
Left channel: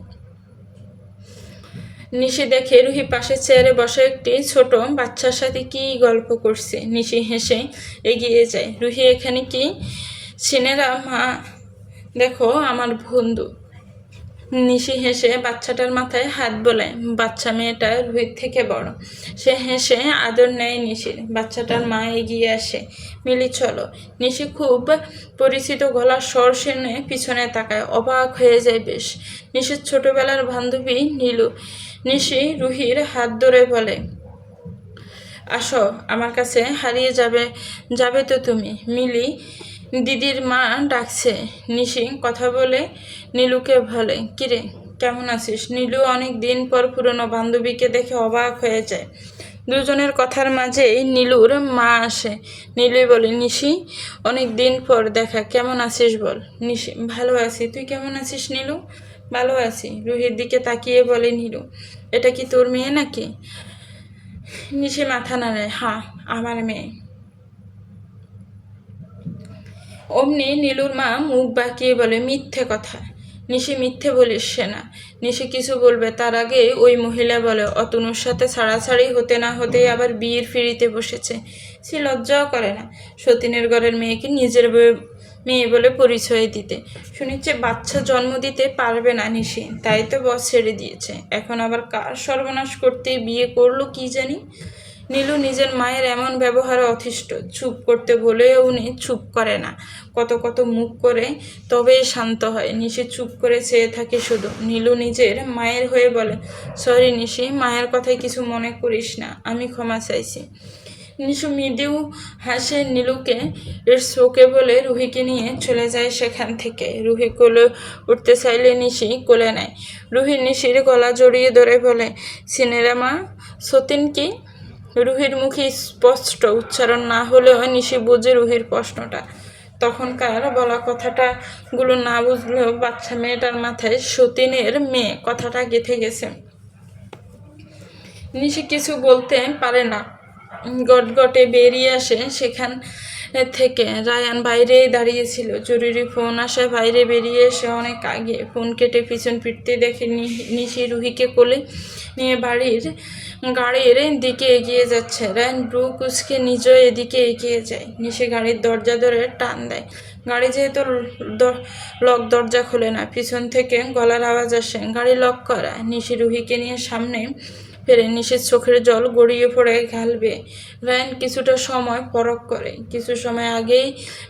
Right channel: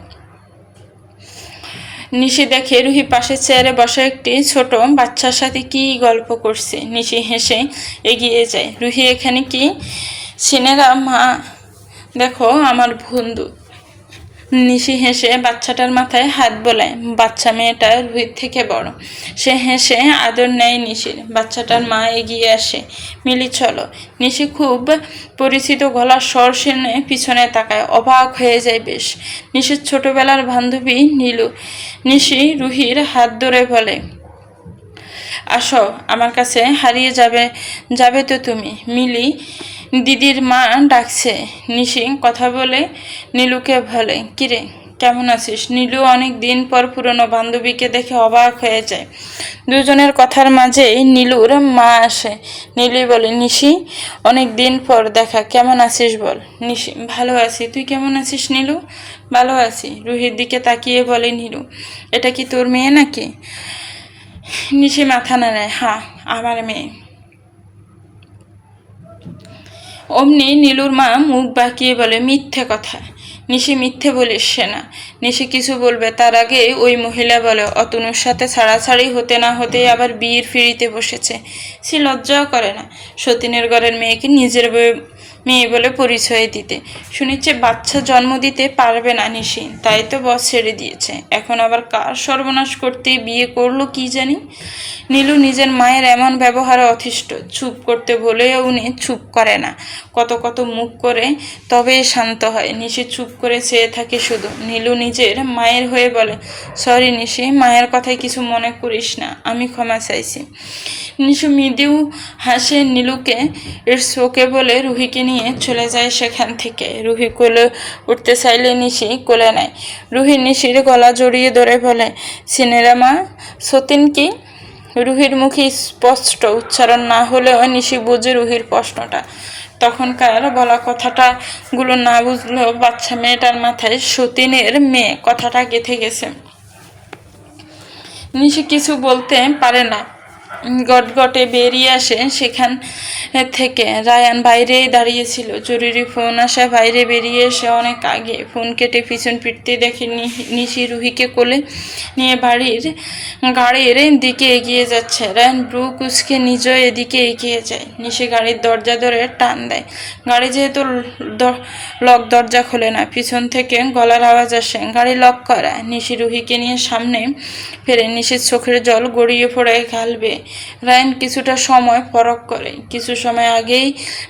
নিশি দেখে রুহি পাশের চেয়ারে বসা একটি ছোট বাচ্চার সাথে কি গল্প করছে। নিশি হেসে এগিয়ে যায়। রুহি এখানে কি? সিনেরা মা, দেখো আমার বন্ধু। নিশি হেসে বাচ্চাটার মাথায় হাত বোলায়। বাচ্চা মেয়েটা রুহির থেকে বড়। সে হেসে আদর নেয় নিশির। বাচ্চাটার মা এগিয়ে আসে, মিলি চলো। নিশি খুব পরিচিত গলার স্বর শুনে পিছনে তাকায়, অবাক হয়ে যায় বেশ। নিশির ছোটবেলার বান্ধবী নীলু। নিশি রুহির হাত ধরে বলে, আসো আমার কাছে, হারিয়ে যাবে তো তুমি। মিলি দিদির মা ডাকছে। নিশি কথা বলে নীলুকে বলে, কিরে কেমন আছিস? নীলু অনেক দিন পর পুরনো বান্ধবীকে দেখে অবাক হয়ে যায়। দুজনের কথার মাঝেই নীলুর মা আসে। নীলু বলে, নিশি অনেক দিন পর দেখা, কেমন আছিস বল। নিশি, ভালো আছি, তুই কেমন আছিস নীলু? ভালো আছি। রুহির দিকে তাকিয়ে বলে নীলু, এটা কি তোর মেয়ে নাকি? নিশি মাথা নাড়ায়, হ্যাঁ আমার মেয়ে। অমনি নীলুর মা মুখ বাঁকিয়ে বলে, মিথ্যে কথা। নিশি, মিথ্যে বলিস না। নিশি কিছু বলবে তার আগে ওই মহিলা বলে, অতনুর সাথে ছাড়াছাড়ি হতে না হতেই আবার বিয়ের ফিরিতে বসেছে। সে লজ্জাও করে না সতীনের ঘরের মেয়েকে নিজের মেয়ে বলে পরিচয় দিতে। শুনেছে বাচ্চা জন্ম দিতে পারবে না নিশি, তাই তো বস ছেড়ে দিয়েছে। এখন আবার কার সর্বনাশ করতে বিয়ে করলো কি জানি। নীলু নিজের মায়ের এমন ব্যবহারে অতিষ্ঠ। চুপ করতে বলেও উনি চুপ করে না। কত কত মুখ করে তবেই শান্ত হয়। নিশি চুপ করে চেয়ে থাকে শুধু। নীলু নিজের মায়ের হয়ে বলে, সরি নিশি, মায়ের কথায় কিছু মনে করিস না, আমি ক্ষমা চাইছি। নিশু মৃদু হাসে নীলুকে ইটস ওকে বলে রুহিকে নিয়ে চলে যায় সেখান থেকে। রুহি কোলে উঠতে চাইলে নিশি কোলে নেয়। রুহি নিশির গলা জড়িয়ে ধরে বলে, সিনেরা মা, সতীন কি? রুহির মুখে স্পষ্ট উচ্চারণ না হলেও নিশি বুঝে রুহির প্রশ্নটা। তখনকার বলা কথাটা গুলো না বুঝলেও বাচ্চা মেয়েটার মাথায় সতীনের মেয়ে কথাটা গেঁথে গেছে। নিশি কিছু বলতে পারে না, গটগটে বেরিয়ে আসে সেখান থেকে। রায়ান বাইরেই দাঁড়িয়েছিল। জরুরি ফোন আসা, বাইরে বেরিয়ে এসে অনেক আগে ফোন কেটে পিছন ফিরতে দেখে নিশি রুহিকে কোলে নিয়ে গাড়ির দিকে এগিয়ে যাচ্ছে। রায়ান ব্রু কুচকে নিজেও এদিকে এগিয়ে যায়। নিশি গাড়ির দরজা ধরে টান দেয়। গাড়ি যেহেতু লক, দরজা খোলে না। পিছন থেকে গলার আওয়াজ আসে, গাড়ি লক করা। নিশি রুহিকে নিয়ে সামনে ফেরে। নিশির চোখের জল গড়িয়ে পড়ে গালবে। রায়ান কিছুটা সময় পরখ করে। কিছু সময় আগেই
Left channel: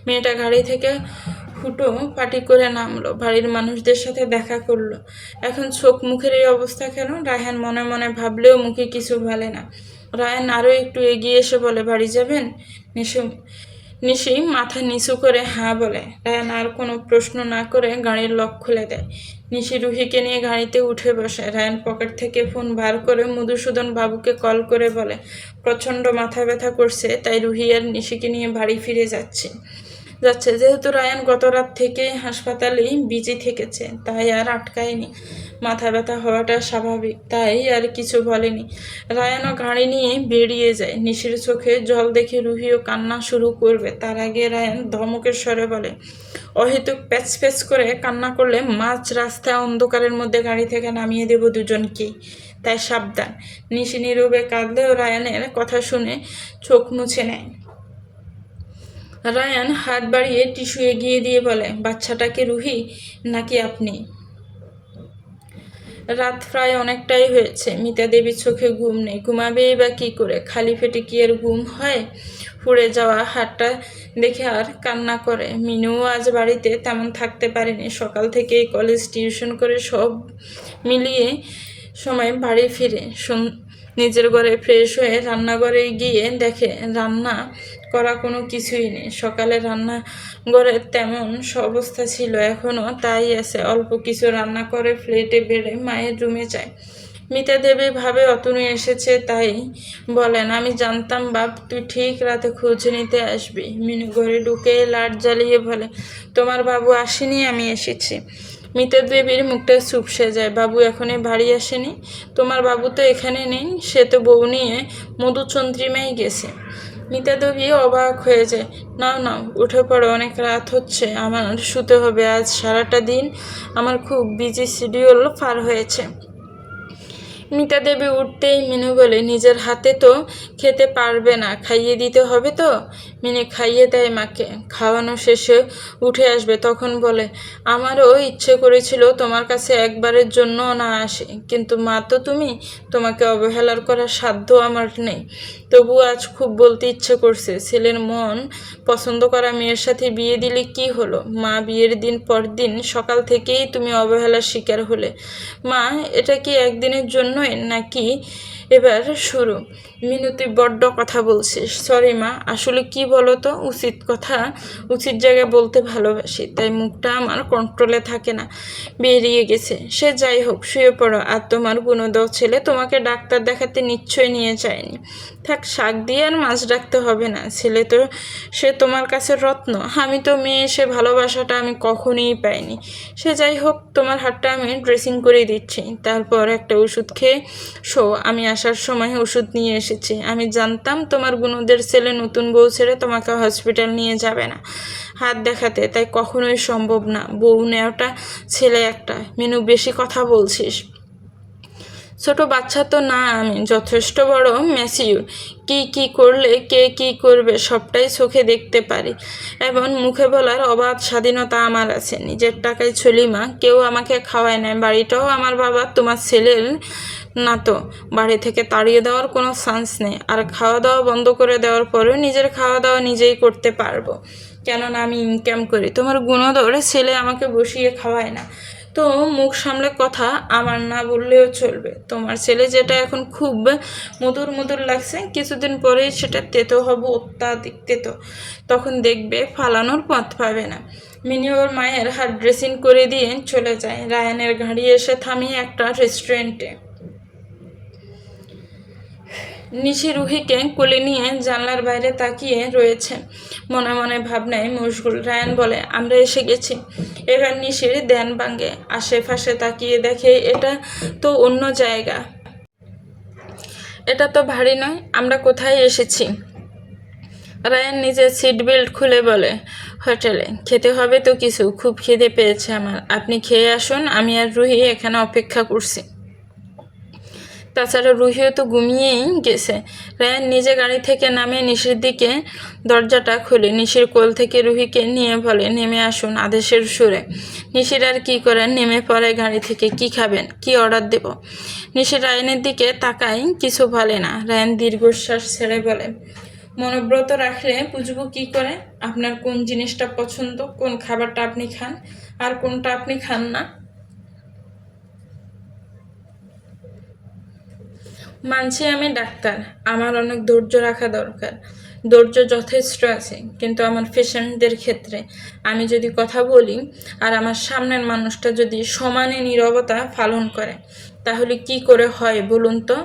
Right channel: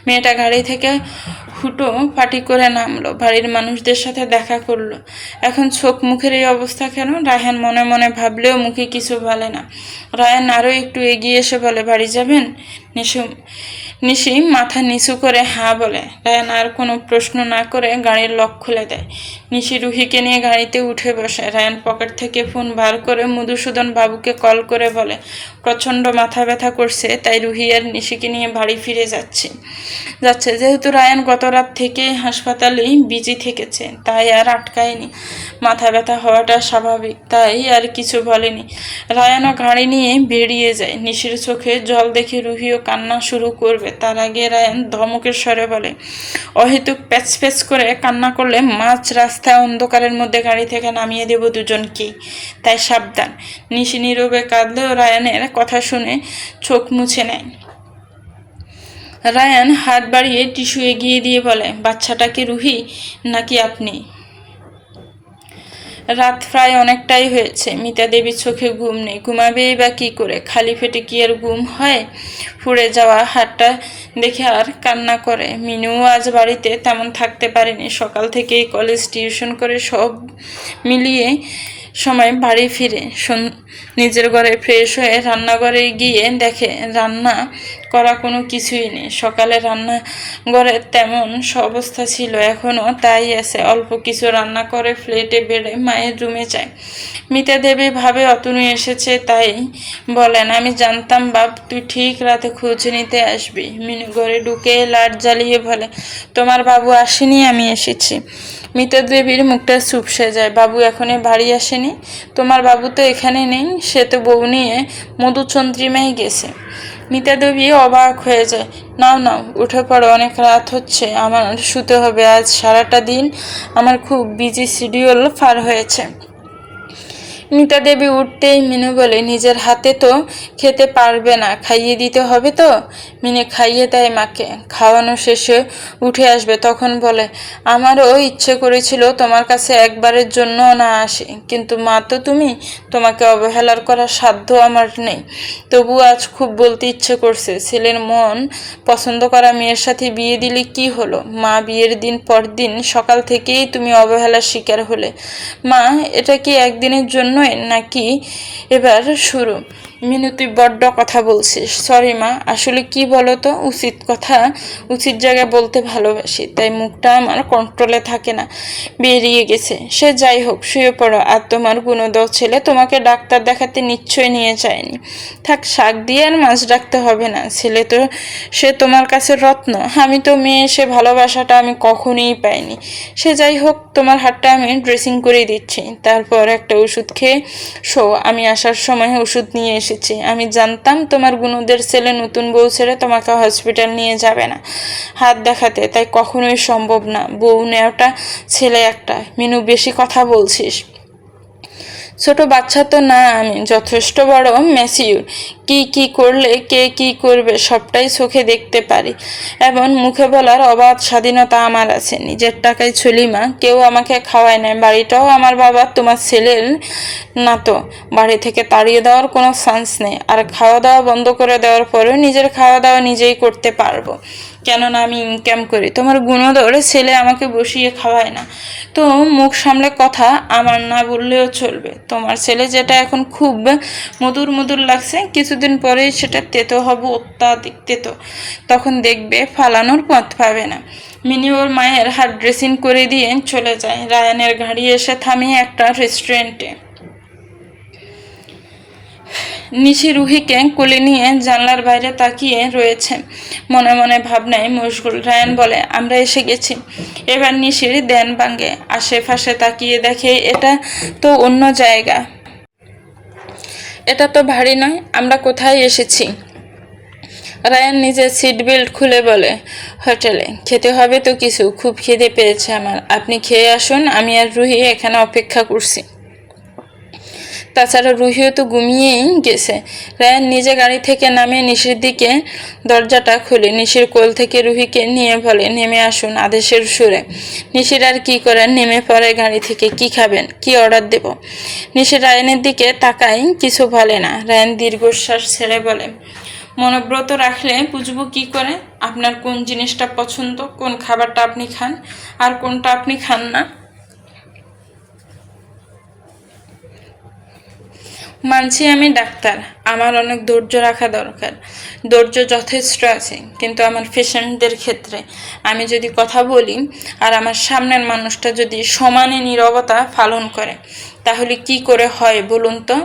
মেয়েটা গাড়ি থেকে হুটো পাটি করে নামলো, বাড়ির মানুষদের সাথে দেখা করলো। এখন চোখ মুখের এই অবস্থা কেন? রায়হান মনে মনে ভাবলেও মুখে কিছু বলে না। রায়ান আরও একটু এগিয়ে এসে বলে, বাড়ি যাবেন? নিশি মাথা নিচু করে হ্যাঁ বলে। রায়ান আর কোনো প্রশ্ন না করে গাড়ির লক খুলে দেয়। নিশি রুহিকে নিয়ে গাড়িতে উঠে বসে। রায়ান পকেট থেকে ফোন বার করে মধুসূদন বাবুকে কল করে বলে প্রচণ্ড মাথা ব্যথা করছে, তাই রুহি আর নিশিকে নিয়ে বাড়ি ফিরে যাচ্ছে। যেহেতু রায়ান গত রাত থেকে হাসপাতালেই বিজি থেকেছে, তাই আর আটকায়নি। মাথা ব্যথা হওয়াটা স্বাভাবিক, তাই আর কিছু বলেনি। রায়ানও গাড়ি নিয়ে বেরিয়ে যায়। নিশির চোখে জল দেখে রুহিও কান্না শুরু করবে, তার আগে রায়ান ধমকের স্বরে বলে অহেতুক প্যাচ প্যাচ করে কান্না করলে মাঝ রাস্তায় অন্ধকারের মধ্যে গাড়ি থেকে নামিয়ে দেব দুজনকেই, তাই সাবধান। নিশি নীরবে কাঁদলেও রায়ানের কথা শুনে চোখ মুছে নেয়। রায়ান হাত বাড়িয়ে টিস্যু এগিয়ে দিয়ে বলে বাচ্চাটাকে রুহি নাকি আপনি? রাত প্রায় অনেকটাই হয়েছে। মিতা দেবীর চোখে ঘুম নেই, ঘুমাবেই বা কী করে? খালি পেটে কি আর ঘুম হয়? ফুড়ে যাওয়া হাতটা দেখে আর কান্না করে। মিনুও আজ বাড়িতে তেমন থাকতে পারেনি, সকাল থেকেই কলেজ টিউশন করে সব মিলিয়ে সময় বাড়ি ফিরে নিজের ঘরে ফ্রেশ হয়ে রান্নাঘরে গিয়ে দেখে রান্না করা কোনো কিছুই নেই। সকালে রান্নাঘরে তেমন অবস্থা ছিল, এখনও তাই আছে। অল্প কিছু রান্না করে প্লেটে বেড়ে মায়ের রুমে যায়। মিতা দেবী ভাবে অতনু এসেছে, তাই বলেন আমি জানতাম বাপ তুই ঠিক রাতে খোঁজ নিতে আসবি। মিনু ঘরে ঢুকে লাইট জ্বালিয়ে বলে তোমার বাবু আসেনি, আমি এসেছি। মিতা দেবীর মুখটা চুপসে যায়। বাবু এখনই বাড়ি আসেনি? তোমার বাবু তো এখানে নেই, সে তো বউ নিয়ে মধুচন্দ্রিমায় গেছে। মিতা দেবী অবাক হয়ে যায়। নাও নাও উঠে পড়ো, অনেক রাত হচ্ছে, আমার শুতে হবে। আজ সারাটা দিন আমার খুব বিজি শিডিউল পার হয়েছে। মিতা দেবী উঠতেই মিনু বলে নিজের হাতে তো খেতে পারবে না, খাইয়ে দিতে হবে তো। মিনে খাইয়ে দেয় মাকে। খাওয়ানো শেষে উঠে আসবে, তখন বলে আমারও ইচ্ছে করেছিল তোমার কাছে একবারের জন্য না আসে, কিন্তু মা তো তুমি, তোমাকে অবহেলার করার সাধ্য আমার নেই। তবু আজ খুব বলতে ইচ্ছে করছে। ছেলের মন পছন্দ করা মেয়ের সাথে বিয়ে দিলে কি হলো মা? বিয়ের দিন পর দিন সকাল থেকেই তুমি অবহেলার শিকার হলে। মা এটা কি একদিনের জন্যই নাকি এবার শুরু? মিনু তুই বড্ড কথা বলছিস। সরি মা, আসলে কি বলো তো, উচিত কথা উচিত জায়গায় বলতে ভালোবাসি, তাই মুখটা আমার কন্ট্রোলে থাকে না, বেরিয়ে গেছে। সে যাই হোক, শুয়ে পড়ো। আর তোমার গুণদর ছেলে তোমাকে ডাক্তার দেখাতে নিশ্চয় নিয়ে যায়নি। থাক, শাক দিয়ে আর মাছ ডাকতে হবে না। ছেলে তো সে তোমার কাছে রত্ন, আমি তো মেয়ে, সে ভালোবাসাটা আমি কখনোই পাইনি। সে যাই হোক, তোমার হাতটা আমি ড্রেসিং করে দিচ্ছি, তারপর একটা ওষুধ খেয়ে শো। আমি আসার সময় ওষুধ নিয়ে এসেছি। আমি জানতাম তোমার গুণদের ছেলে নতুন বউ ছেড়ে তোমাকে হসপিটাল নিয়ে যাবে না হাত দেখাতে, তাই কখনোই সম্ভব না। বউ নেওয়াটা ছেলে একটা। মিনু বেশি কথা বলছিস। ছোট বাচ্চা তো না আমি, যথেষ্ট বড় ম্যাচিউর। কি করলে কে কি করবে সবটাই চোখে দেখতে পারি, এবং মুখে বলার অবাধ স্বাধীনতা আমার আছে। নিজের টাকায় চলি মা, কেউ আমাকে খাওয়ায় না। বাড়িটাও আমার বাবার, তোমার ছেলের না তো। বাড়ি থেকে তাড়িয়ে দেওয়ার কোনো চান্স নেই। আর খাওয়া দাওয়া বন্ধ করে দেওয়ার পরেও নিজের খাওয়া দাওয়া নিজেই করতে পারবো, কেননা আমি ইনকাম করি। তোমার গুণধর ছেলে আমাকে বসিয়ে খাওয়ায় না। তো মুখ সামলে কথা আমার না বললেও চলবে। তোমার ছেলে যেটা এখন খুব মধুর মধুর লাগছে, কিছুদিন পরেই সেটা তেতো হবে, অত্যাধিক তেতো। তখন দেখবে ফালানোর পথ পাবে না। মিনি ওর মায়ের হাত ড্রেসিং করে দিয়ে চলে যায়। রায়ানের গাড়ি এসে থামে একটা রেস্টুরেন্টে। নিশি রুহিকে কোলে নিয়ে জানলার বাইরে তাকিয়ে রয়েছে, মনে মনে ভাবনায় মশগুল। রায়ান বলে আমরা এসে গেছি। এবার নিশির ধ্যান ভাঙে, আশেপাশে তাকিয়ে দেখে এটা তো অন্য জায়গা, এটা তো ভারী নয়। আমরা কোথায় এসেছি? রায়ান নিজের সিট বেল্ট খুলে বলে হোটেলে। খেতে হবে তো কিছু, খুব খিদে পেয়েছে আমার। আপনি খেয়ে আসুন, আমি আর রুহি এখানে অপেক্ষা করছি। তাছাড়া রুহিও তো ঘুমিয়েই গেছে। রায়ান নিজে গাড়ি থেকে নামে নিশির দিকে দরজাটা খুলে নিশির কোল থেকে রুহিকে নিয়ে বলে নেমে আসুন আদেশের সুরে। নিশির আর কি করেন, নেমে পড়ে গাড়ি থেকে। কি খাবেন, কি অর্ডার দেব? নিশির রায়ানের দিকে তাকায়, কিছু বলে না। রায়ান দীর্ঘশ্বাস ছেড়ে বলে মনোব্রত রাখলে বুঝবো কি করে আপনার কোন জিনিসটা পছন্দ, কোন খাবারটা আপনি খান আর কোনটা আপনি খান না? মানছি আমি ডাক্তার, আমার অনেক ধৈর্য রাখা দরকার। ধৈর্য যথেষ্ট আছে, কিন্তু আমার পেশেন্টদের ক্ষেত্রে আমি যদি কথা বলি আর আমার সামনের মানুষটা যদি সমানে নীরবতা পালন করে, তাহলে কি করে হয় বলুন তো?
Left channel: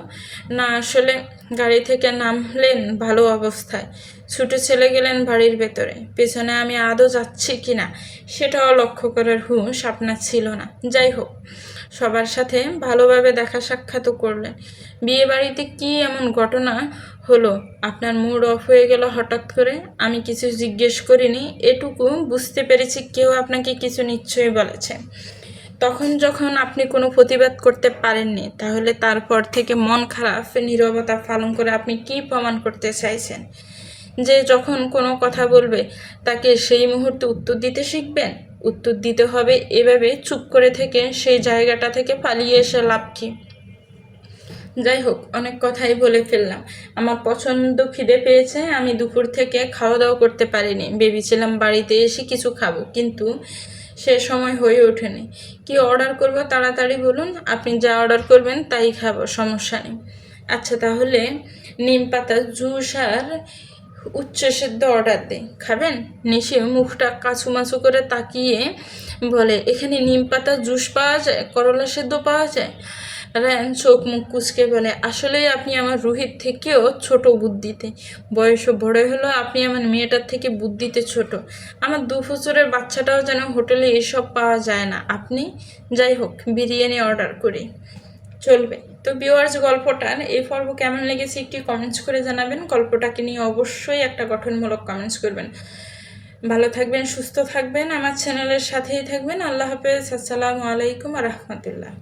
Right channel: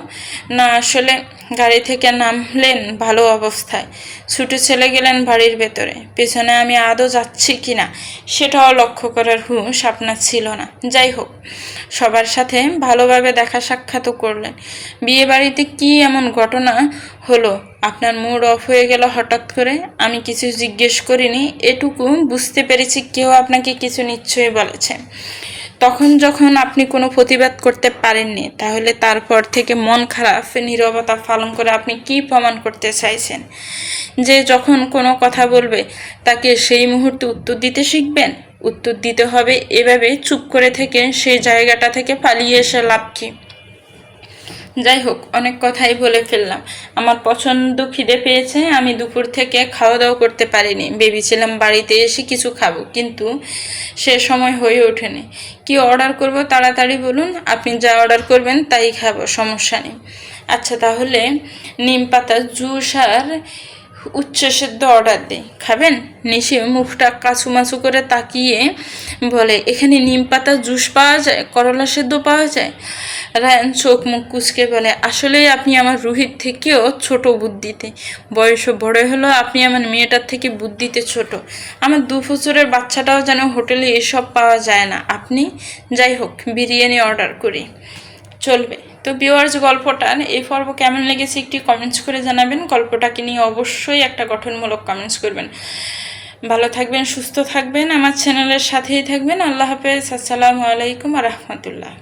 না, আসলে গাড়ি থেকে নামলেন ভালো অবস্থায়, ছুটে চলে গেলেন বাড়ির ভেতরে, পেছনে আমি আদৌ যাচ্ছি কি না সেটাও লক্ষ্য করার হুঁশ আপনার ছিল না। যাই হোক, সবার সাথে ভালোভাবে দেখা সাক্ষাৎও করলেন। বিয়ে বাড়িতে কী এমন ঘটনা হলো আপনার মুড অফ হয়ে গেল হঠাৎ করে? আমি কিছু জিজ্ঞেস করিনি, এটুকু বুঝতে পেরেছি কেউ আপনাকে কিছু নিশ্চয়ই বলেছে। তখন যখন আপনি কোনো প্রতিবাদ করতে পারেননি, তাহলে তারপর থেকে মন খারাপ নীরবতা পালন করে আপনি কি প্রমাণ করতে চাইছেন? যে যখন কোনো কথা বলবে তাকে সেই মুহূর্তে উত্তর দিতে শিখবেন? উত্তর দিতে হবে এভাবে চুপ করে থেকে সেই জায়গাটা থেকে পালিয়ে এসে লাভ কি? যাই হোক, অনেক কথাই বলে ফেললাম। আমার পছন্দ খিদে পেয়েছে, আমি দুপুর থেকে খাওয়া দাওয়া করতে পারিনি। ভেবেছিলাম বাড়িতে এসে কিছু খাবো, কিন্তু সে সময় হয়ে ওঠেনি। কি অর্ডার করব তাড়াতাড়ি বলুন, আপনি যা অর্ডার করবেন তাই খাবো, সমস্যা নেই। আচ্ছা, তাহলে নিম পাতা জুস আর উচ্চ সেদ্ধ অর্ডার দেই, খাবেন? নিশি মুখটা কাছুমাছু করে তাকিয়ে বলে, এখানে নিম পাতা জুস পাওয়া যায়, করলা সেদ্ধ পাওয়া যায়? রায়ান চোখ মুখ কুচকে বলে, আসলেই আপনি আমার রুহির থেকেও ছোট বুদ্ধিতে। বয়সও বড় হলো, আপনি আমার মেয়েটার থেকে বুদ্ধিতে ছোট। আমার 2 বছরের বাচ্চাটাও যেন হোটেলে এসব পাওয়া যায় না আপনি। যাই হোক, বিরিয়ানি অর্ডার করি, চলবে তো? ভিউয়ার্স, গল্পটার এই পর্ব কেমন লেগেছে একটি কমেন্টস করে জানাবেন। গল্পটাকে নিয়ে অবশ্যই একটা গঠনমূলক কমেন্টস করবেন। ভালো থাকবেন, সুস্থ থাকবেন, আমার চ্যানেলের সাথেই থাকবেন। আল্লাহ হাফেজ, আসসালামু আলাইকুম রহমতুল্লাহ।